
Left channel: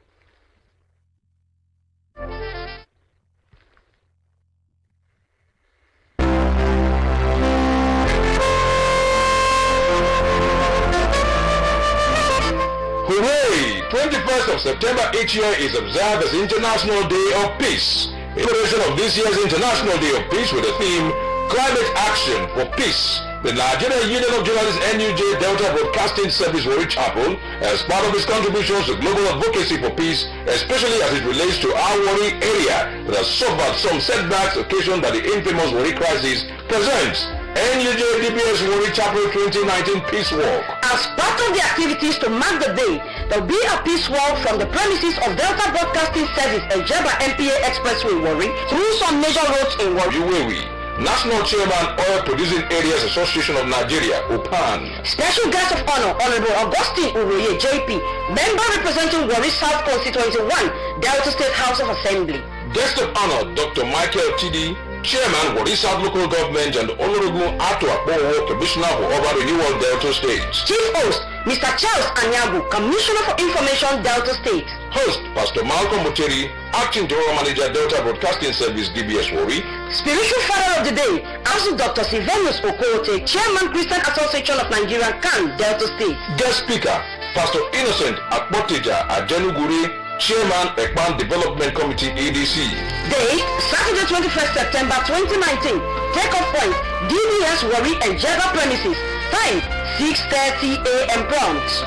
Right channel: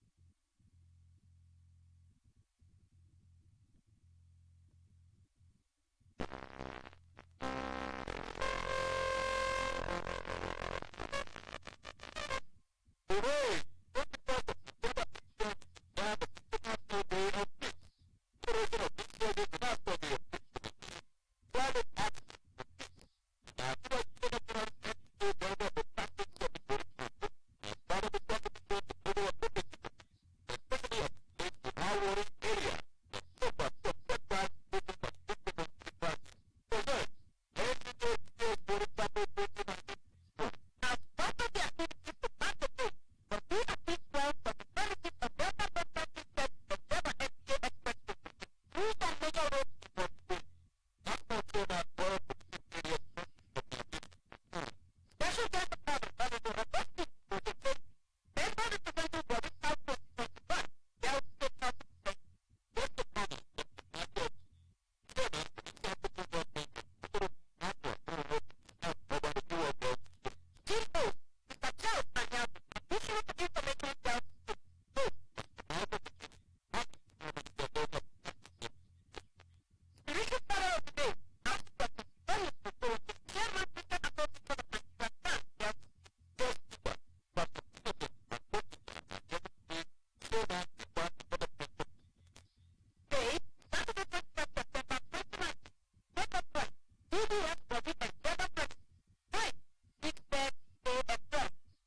Hooray! 21st of September each year is observed as International Day of Peace. In celebration of this year's International Day of Peace with the theme Climate Action for Peace, the Nigerian Union of Journalists NUJ Delta Broadcasting Service Warri Chapel, as part of its contributions to global advocacy for peace, especially as it relates to our Warri area that has suffered some setbacks occasioned by the infamous Warri crisis, presents NUJ DBS Warri Chapel 2019 Peace Walk. As part of the activities to mark the day, there will be a peace walk from the premises of Delta Broadcasting Service and Jeba MPA Expressway Warri through some major roads in Warri. National Chairman, Oil Producing Areas Association of Nigeria, OPAN. Special guest of honor, Honorable Augustine Uroye, JP, member representing Warri South Constituency 1, Delta State House of Assembly. Guest of honor, Dr. Michael Tidi, Chairman, Warri South Local Government, and Honorable Ato Akpowo, Commissioner for Urban Renewal, Delta State. Chief Host, Mr. Charles Anyagu, Commissioner for Information, Delta State. Host, Pastor Malcolm Muteri, Acting General Manager, Delta Broadcasting Service, DBS Warri. Spiritual Father of the Day, also Dr. Sylvanus Okote, Chairman, Christian Association of Nigeria, CAN, Delta State. Guest Speaker, Pastor Innocent Akpoteja Ajenuguri, Chairman, Ekpan Development Committee, EDC. Date, Saturday 21st September 2019. Take-off point, DBS Warri and Jeba premises. Time, 6:30 a.m. prompt.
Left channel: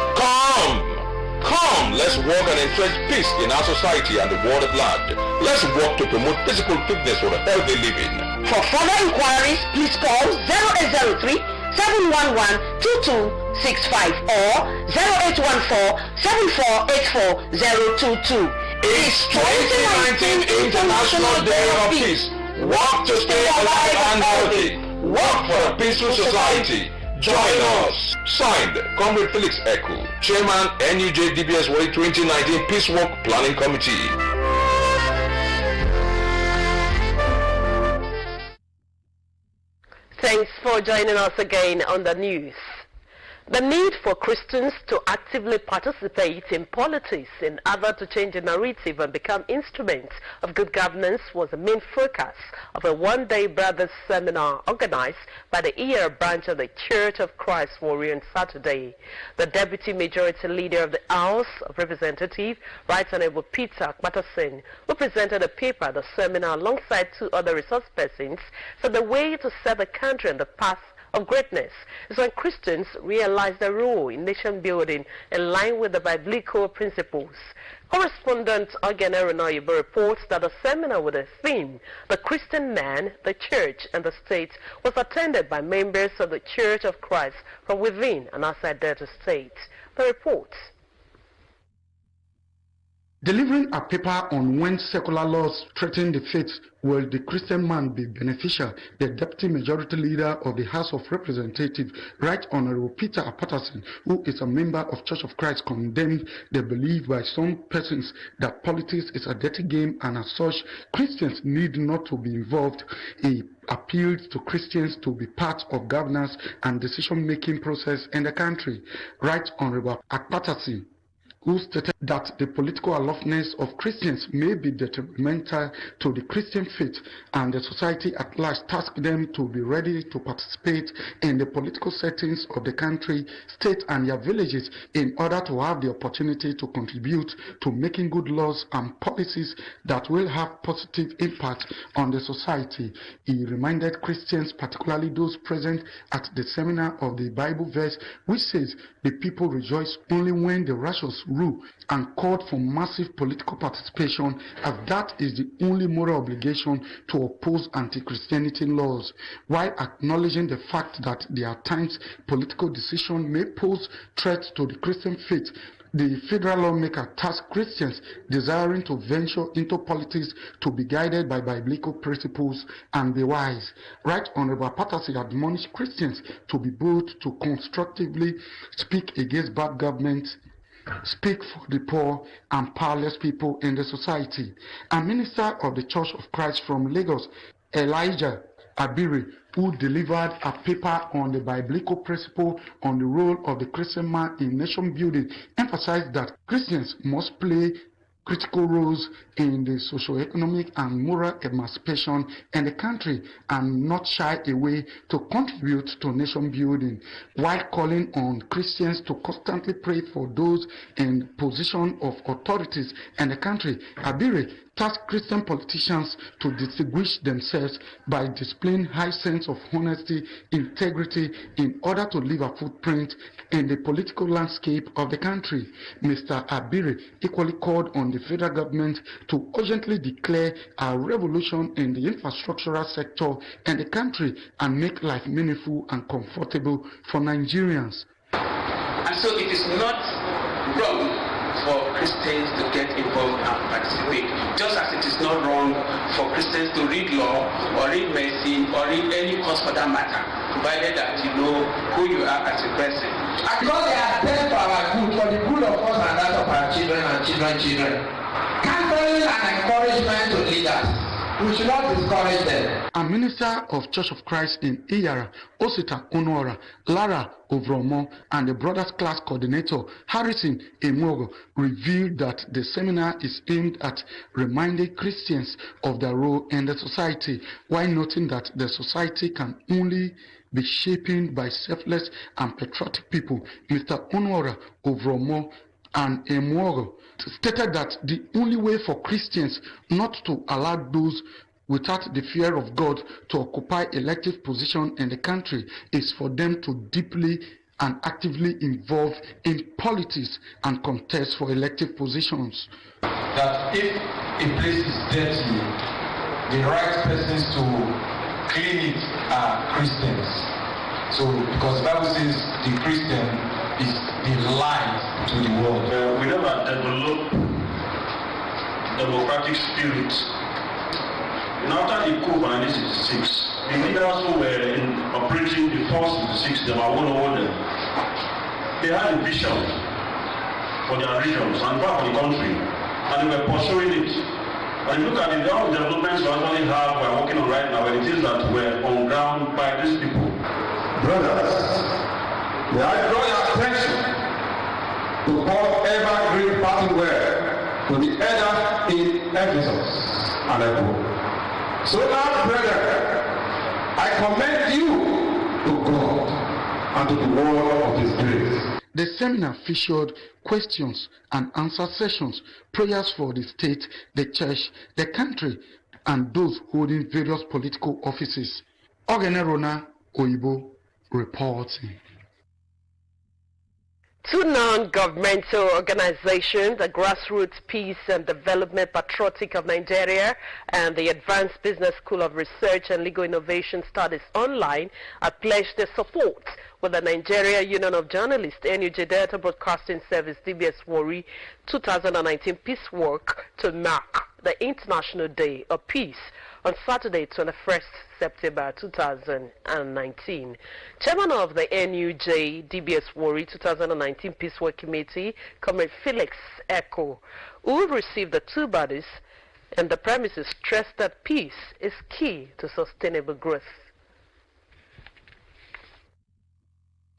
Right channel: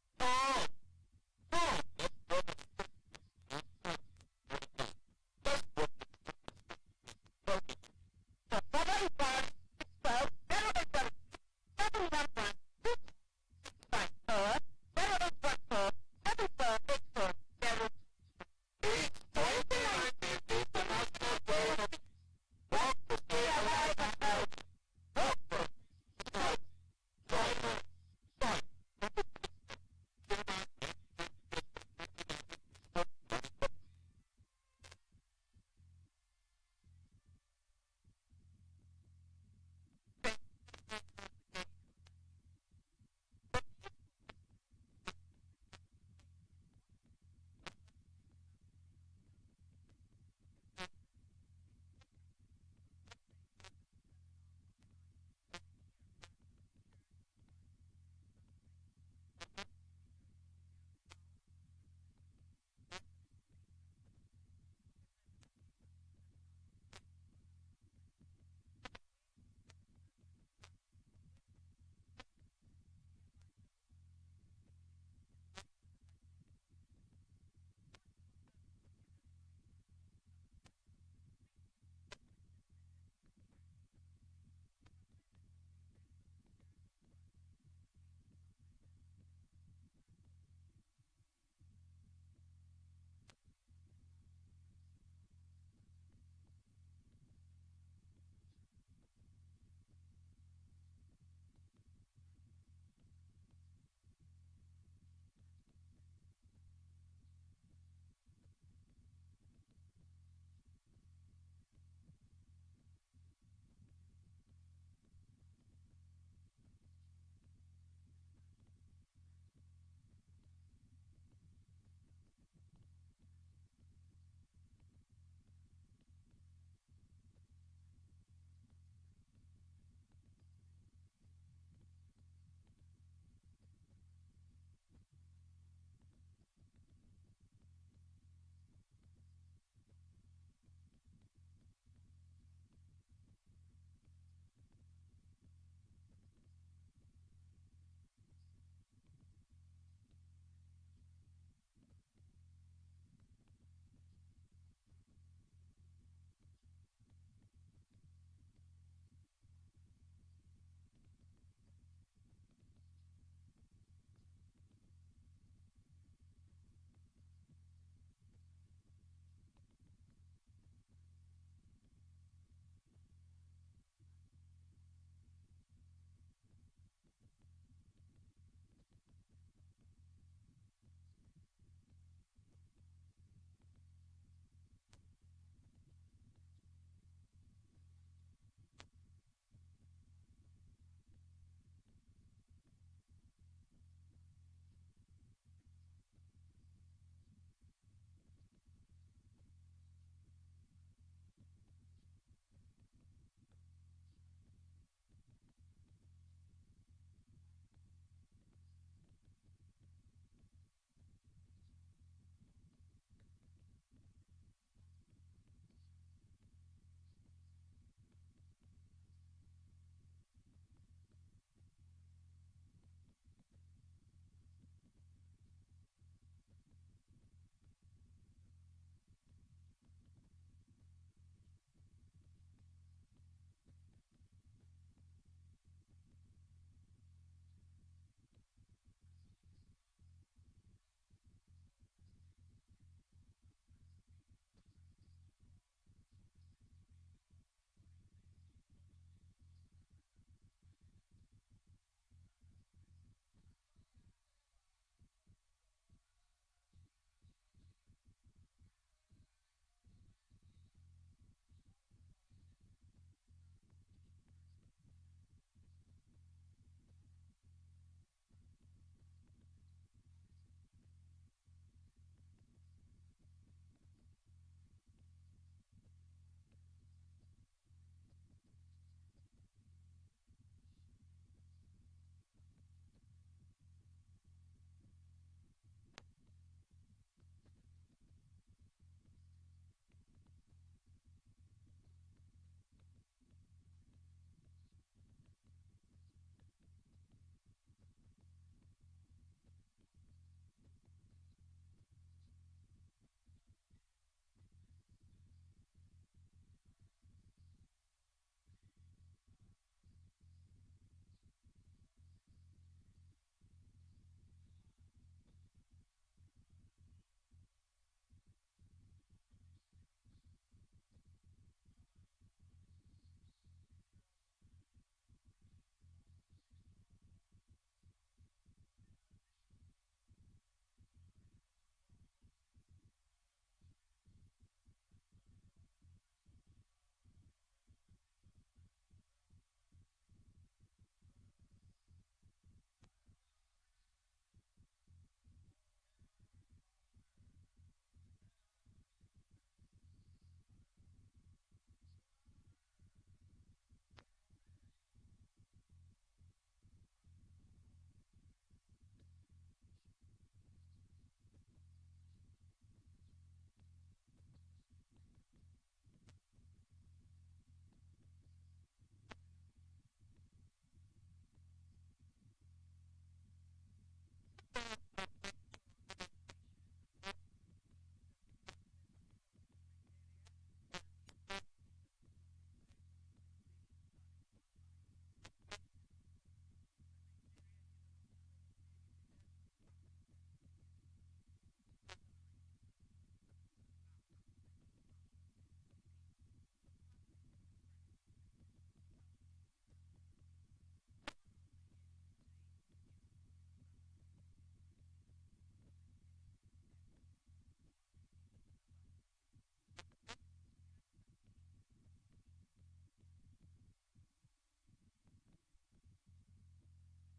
Come, let's work and entrench peace in our society and the world at large. Let's work to promote physical fitness for a healthy living. For further inquiries, please call 0803 711 2265 or 0814 7484 022. It's 2019 International Day of Peace. Work to stay alive and healthy. Work for a peaceful society. Join us. Signed, Comrade Felix Eku, Chairman, NUJ DBS Warri 2019 Peace Walk Planning Committee. Thanks for joining us again on the news. The need for Christians to actively participate in politics in order to change the narrative and become instruments of good governance was the main focus of a one-day brothers seminar organized by the ER branch of the Church of Christ Warri on Saturday. The Deputy Majority Leader of the House of Representatives, Right Honorable Peter Patterson, who presented a paper at the seminar alongside 2 other resource persons, said the way to set the country on the path of greatness is when Christians realize their role in nation building in line with the biblical principles. Correspondent Ogen Eronoyibo reports that a seminar with the theme, The Christian Man, the Church and the State, was attended by members of the Church of Christ from within and outside Delta State. The report. Delivering a paper on when secular laws threaten the faith, will the Christian man be beneficial? The Deputy Majority Leader of the House of Representatives, Right Honorable Peter Patterson, who is a member of Church of Christ, condemned the belief by some persons that politics is a dirty game, and as such, Christians need not to be involved. He appealed to Christians to be part of governance and decision-making process in the country. Right Honorable Patterson, who stated that the political aloofness of Christians may be detrimental to the Christian faith, and the society at large tasked them to be ready to participate in the political settings of the country, state and their villages in order to have the opportunity to contribute to making good laws and policies that will have positive impact on the society. He reminded Christians, particularly those present at the seminar, of the Bible verse which says, "The people rejoice only when the righteous rule," and called for massive political participation, as that is the only moral obligation to oppose anti-Christianity laws, while acknowledging the fact that there are times political decision may pose threats to the Christian faith. The federal lawmaker tasked Christians desiring to venture into politics to be guided by biblical principles and be wise. Right Honorable Patterson admonished Christians to be bold to constructively speak against bad government, speak for the poor and powerless people in the society. A minister of the Church of Christ from Lagos, Elijah Abiri, who delivered a paper on the biblical principle on the role of the Christian man in nation building, emphasized that Christians must play critical roles in the socio-economic and moral emancipation in the country and not shy away to contribute to nation building, while calling on Christians to constantly pray for those in position of authorities in the country. Abiri tasked Christian politicians to distinguish themselves by displaying high sense of honesty, integrity, in order to leave a footprint in the political landscape of the country. Mr. Abiri equally called on the federal government to urgently declare a revolution in the infrastructural sector in the country and make life meaningful and comfortable for Nigerians. And so it is not wrong for Christians to get involved and participate, just as it is not wrong for Christians to read law or read medicine or read any course for that matter, provided that you know who you are as a person. Because they are there for our good, for the good of us and that of our children and children. Counseling and encouragement to leaders. We should not discourage them. A minister of Church of Christ in Iyara, Osita Onora, Lara Ovromo, and the Brothers Class Coordinator, Harrison Emogo, revealed that the seminar is aimed at reminding Christians of their role in the society, while noting that the society can only be shaped by selfless and patriotic people. Mr. Onora Ovromo and Emogo stated that the only way for Christians not to allow those without the fear of God to occupy elective position in the country is for them to deeply and actively involve in politics and contest for elective positions. That if a place is dirty, the right persons to clean it are Christians. So, because the Bible says the Christian is the light to the world. We never develop democratic spirit. And after the coup of 1966, the leaders who were operating the first 66, they were one over them. They had a vision for their regions and for the country, and they were pursuing it. And look at the developments we actually have, we are working on right now, and it is that we're on ground by these people. Brothers, may I draw your attention to Paul's evergreen parting word to the elder in Ephesus, and I quote, "So now, brethren, I commend you to God and to the word of His grace." The seminar featured questions and answer sessions, prayers for the state, the church, the country, and those holding various political offices. Ogenerona Oibo reporting. Two non-governmental organizations, the Grassroots Peace and Development Patriotic of Nigeria and the Advanced Business School of Research and Legal Innovation Studies Online, have pledged their support with the Nigeria Union of Journalists, NUJ Delta Broadcasting Service, DBS Warri 2019 Peace Walk to mark the International Day of Peace on Saturday, 21st September 2019. Chairman of the NUJ DBS Warri 2019 Peace Walk Committee, Comrade Felix Echo, who received the two bodies and the premises, stressed that peace is key to sustainable growth.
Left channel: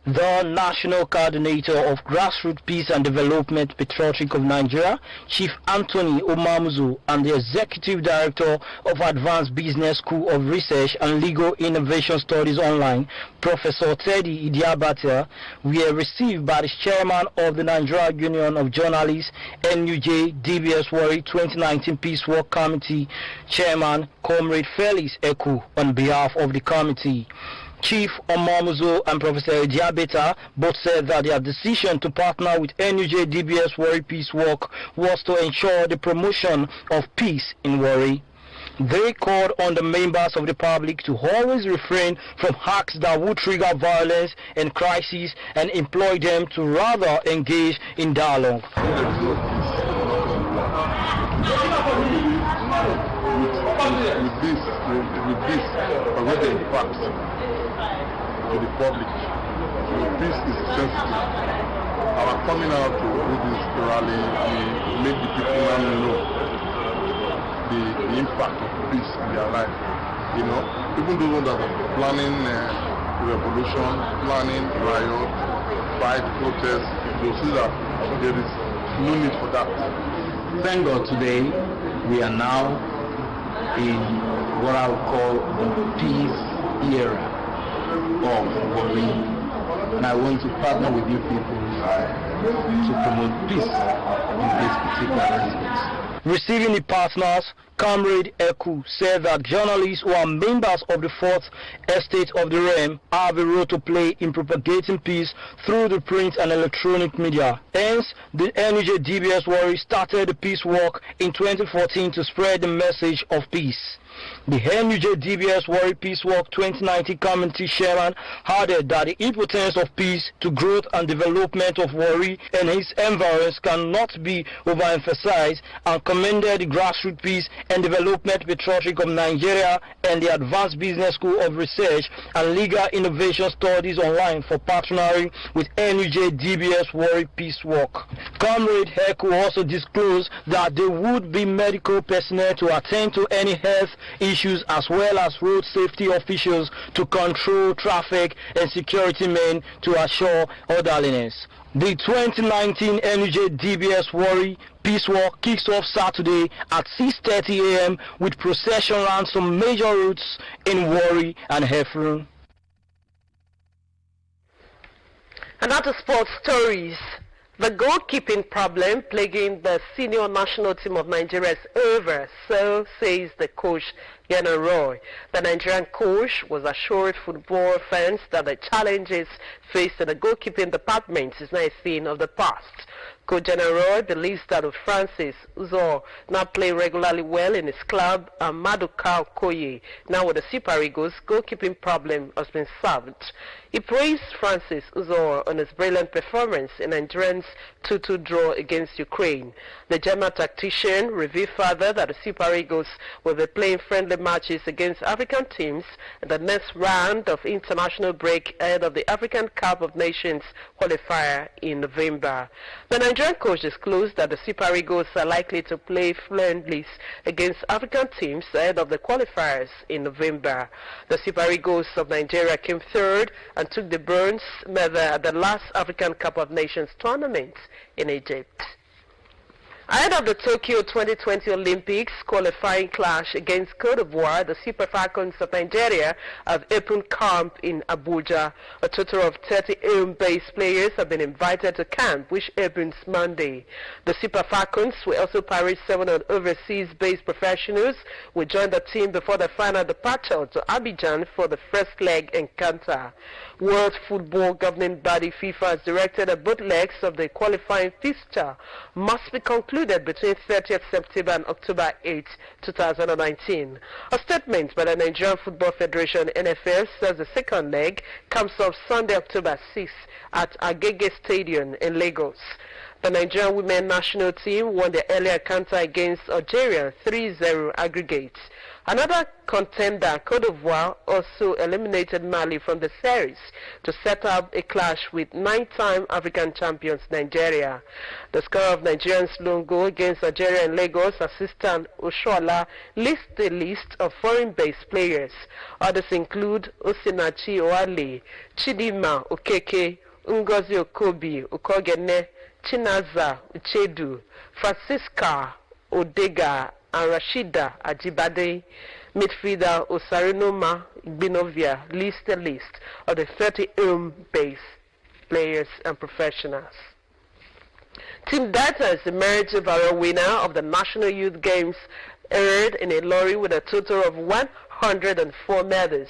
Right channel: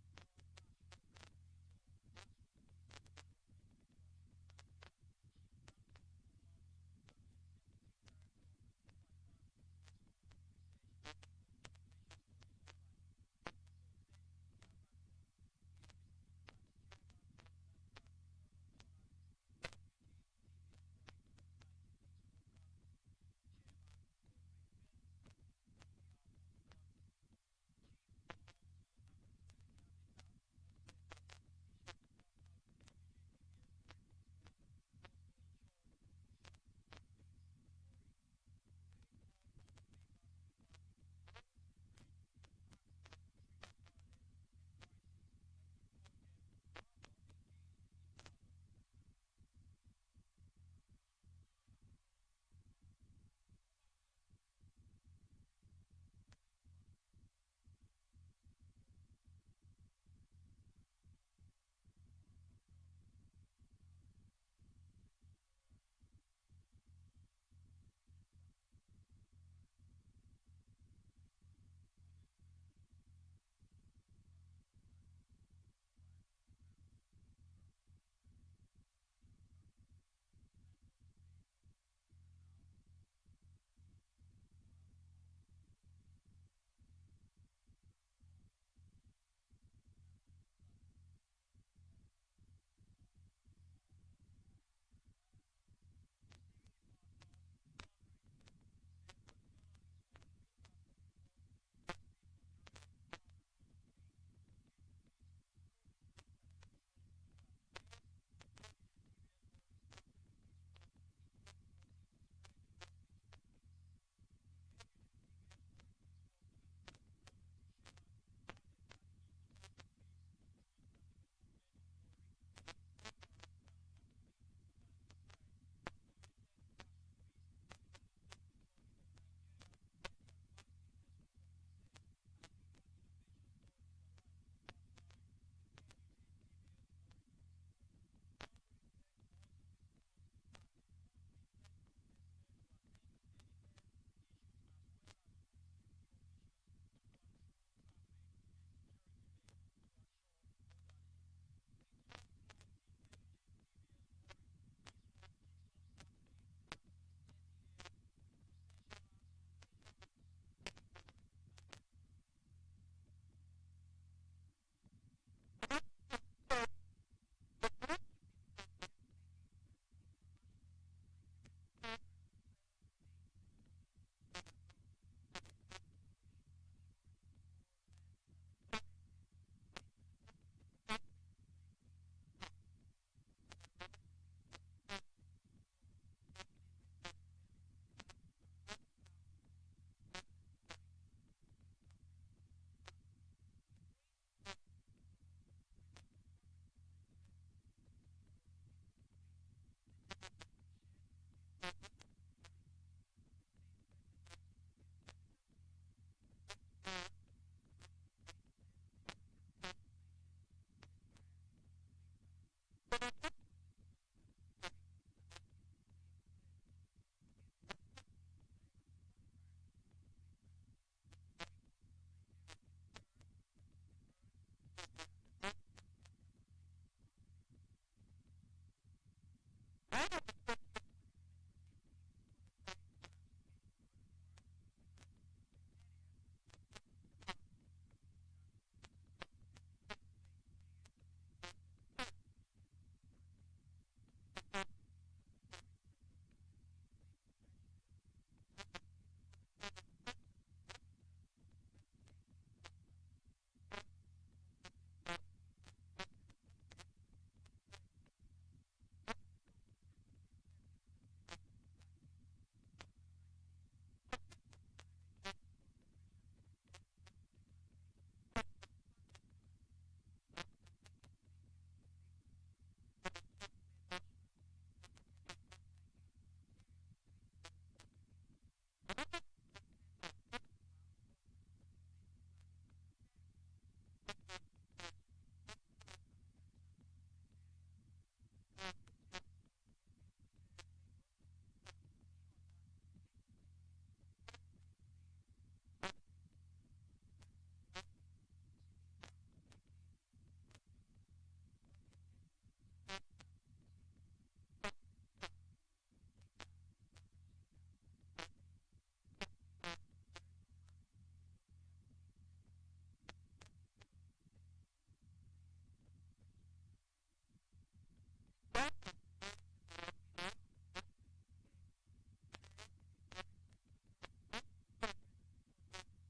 The National Coordinator of Grassroots Peace and Development Patriotic of Nigeria, Chief Anthony Omamuzu, and the Executive Director of Advanced Business School of Research and Legal Innovation Studies Online, Professor Teddy Idiabata, were received by the Chairman of the Nigeria Union of Journalists, NUJ DBS Warri 2019 Peace Walk Committee, Chairman Comrade Felix Eku, on behalf of the committee. Chief Omamuzo and Professor Diabeta both said that their decision to partner with NUJ DBS Warri Peace Walk was to ensure the promotion of peace in Warri. They called on the members of the public to always refrain from acts that would trigger violence and crises and employ them to rather engage in dialogue. With this already in fact to the public, peace is sensitive. Our coming out to do this rally will make the people now know the impact of peace in their life. You know, even those that are planning revolution, planning riot, fight, protest, you'll see that there is no need for that. Thank God today we are now in what I would call the peace era of Warri, and I want to partner with you people to promote peace in this particular aspect. Receiving the partners, Comrade Eku said that journalists who are members of the Fourth Estate of the Realm have a role to play in propagating peace through the print and electronic media. Hence, the NUJ DBS Warri started the Peace Walk in 2014 to spread the message of peace. The NUJ DBS Warri Peace Walk 2019 Committee Chairman added that the importance of peace to growth and development of Warri and its environs cannot be overemphasized, and commended the Grassroots Peace and Development Patriotic of Nigeria and the Advanced Business School of Research and Legal Innovation Studies Online for partnering with NUJ DBS Warri Peace Walk. Comrade Heku also disclosed that there would be medical personnel to attend to any health issues as well as road safety officials to control traffic and security men to assure orderliness. The 2019 NUJ DBS Warri Peace Walk kicks off Saturday at 6:30 a.m. with procession around some major routes in Warri and Hefron. And now to sports stories. The goalkeeping problem plaguing the senior national team of Nigeria is over, so says the coach, Yana Roy. The Nigerian coach was assured football fans that the challenges faced in the goalkeeping department is not a thing of the past. Coach General believes that with Francis Uzo now playing regularly well in his club, and Maduka Okoye now with the Super Eagles, goalkeeping problem has been solved. He praised Francis Uzo on his brilliant performance in Nigeria's 2-2 draw against Ukraine. The German tactician revealed further that the Super Eagles will be playing friendly matches against African teams in the next round of international break ahead of the African Cup of Nations qualifier in November. The Nigerian coach disclosed that the Super Eagles are likely to play friendlies against African teams ahead of the qualifiers in November. The Super Eagles of Nigeria came third and took the bronze medal at the last African Cup of Nations tournament in Egypt. Ahead of the Tokyo 2020 Olympics qualifying clash against Cote d'Ivoire, the Super Falcons of Nigeria have opened camp in Abuja. A total of 30 home-based players have been invited to camp, which opens Monday. The Super Falcons will also parade 7 overseas-based professionals who join the team before the final departure to Abidjan for the first leg encounter. World Football Governing Body FIFA has directed that both legs of the qualifying fixture must be concluded between 30th September and October 8, 2019. A statement by the Nigerian Football Federation (NFF) says the second leg comes off Sunday, October 6 at Agege Stadium in Lagos. The Nigerian women national team won their earlier encounter against Algeria 3-0 aggregate. Another contender, Cote d'Ivoire, also eliminated Mali from the series to set up a clash with 9-time African champions Nigeria. The scorer of Nigeria's lone goal against Algeria in Lagos, assistant Oshoala, lists the list of foreign-based players. Others include Osinachi Oale, Chidima Okeke, Ngozi Okobi Okogene, Chinaza Uchedu, Francisca Odega, and Rashida Ajibade. Midfielder Osarinoma Igbinovia leads the list of the 30 home-based players and professionals. Team Delta is the merit overall winner of the National Youth Games, aired in a lorry with a total of 104 medals.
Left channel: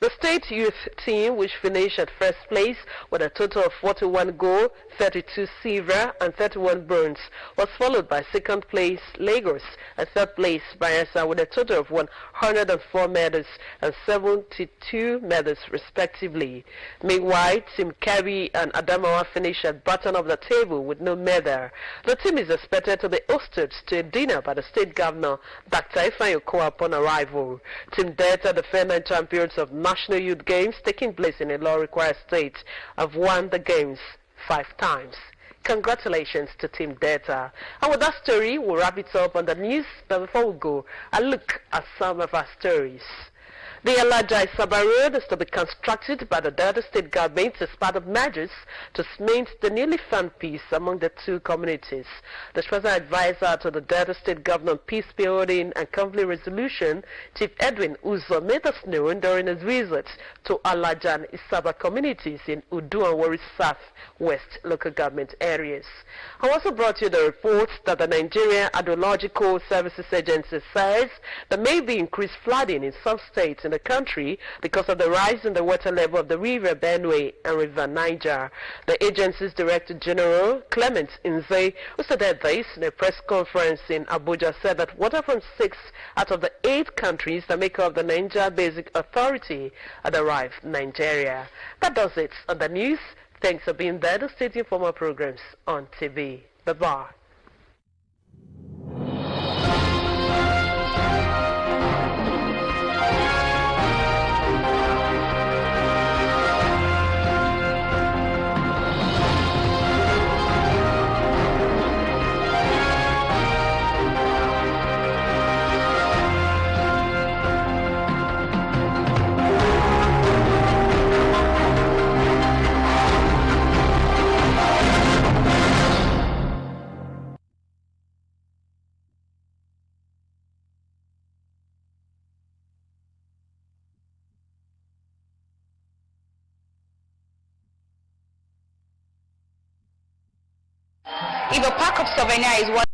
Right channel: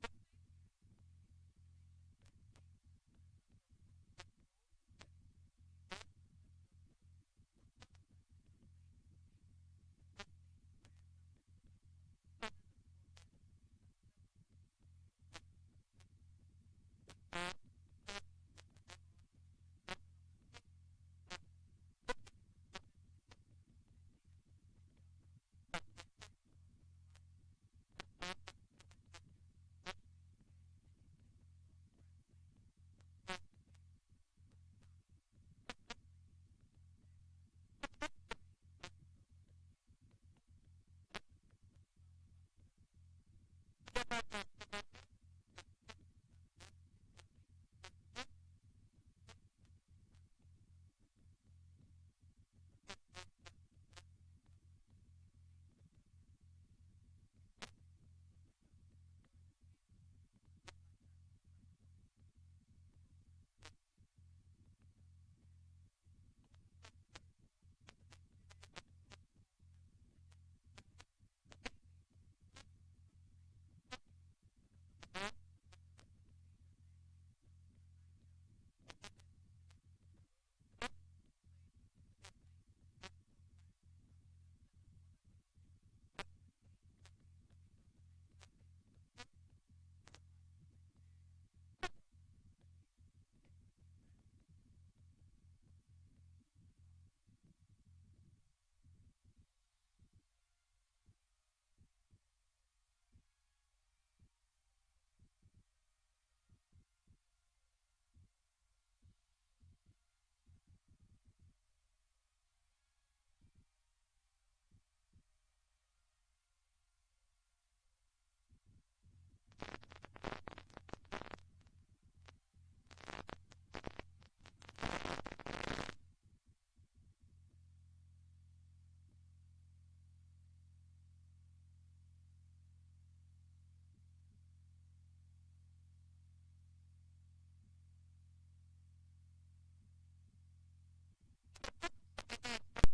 The state youth team, which finished at first place with a total of 41 gold, 32 silver and 31 bronze, was followed by second place Lagos and third place Bayelsa with a total of 104 medals and 72 medals respectively. Meanwhile, Team Kebbi and Adamawa finished at bottom of the table with no medal. The team is expected to be hosted to a dinner by the state governor, Dr. Ifeanyi Okowa, upon arrival. Team Delta, the defending champions of National Youth Games taking place in a law-required state, have won the games 5 times. Congratulations to Team Delta. And with that story, we'll wrap it up on the news. But before we go, a look at some of our stories. The Alajai-Saba Road is to be constructed by the Delta State government as part of measures to cement the newly found peace among the two communities. The special advisor to the Delta State governor on peace building and conflict resolution, Chief Edwin Uzo, made us known during his visit to Alajan-Isaba communities in Udu and Warri South West local government areas. I also brought you the report that the Nigeria Hydrological Services Agency says there may be increased flooding in some states in the country because of the rise in the water level of the River Benue and River Niger. The agency's Director General, Clement Nze, who said this in a press conference in Abuja, said that water from 6 out of the 8 countries that make up the Niger Basic Authority had arrived in Nigeria. That does it on the news. Thanks for being there to stay tuned for more programs on TV. Bye-bye. If a pack of souvenir is what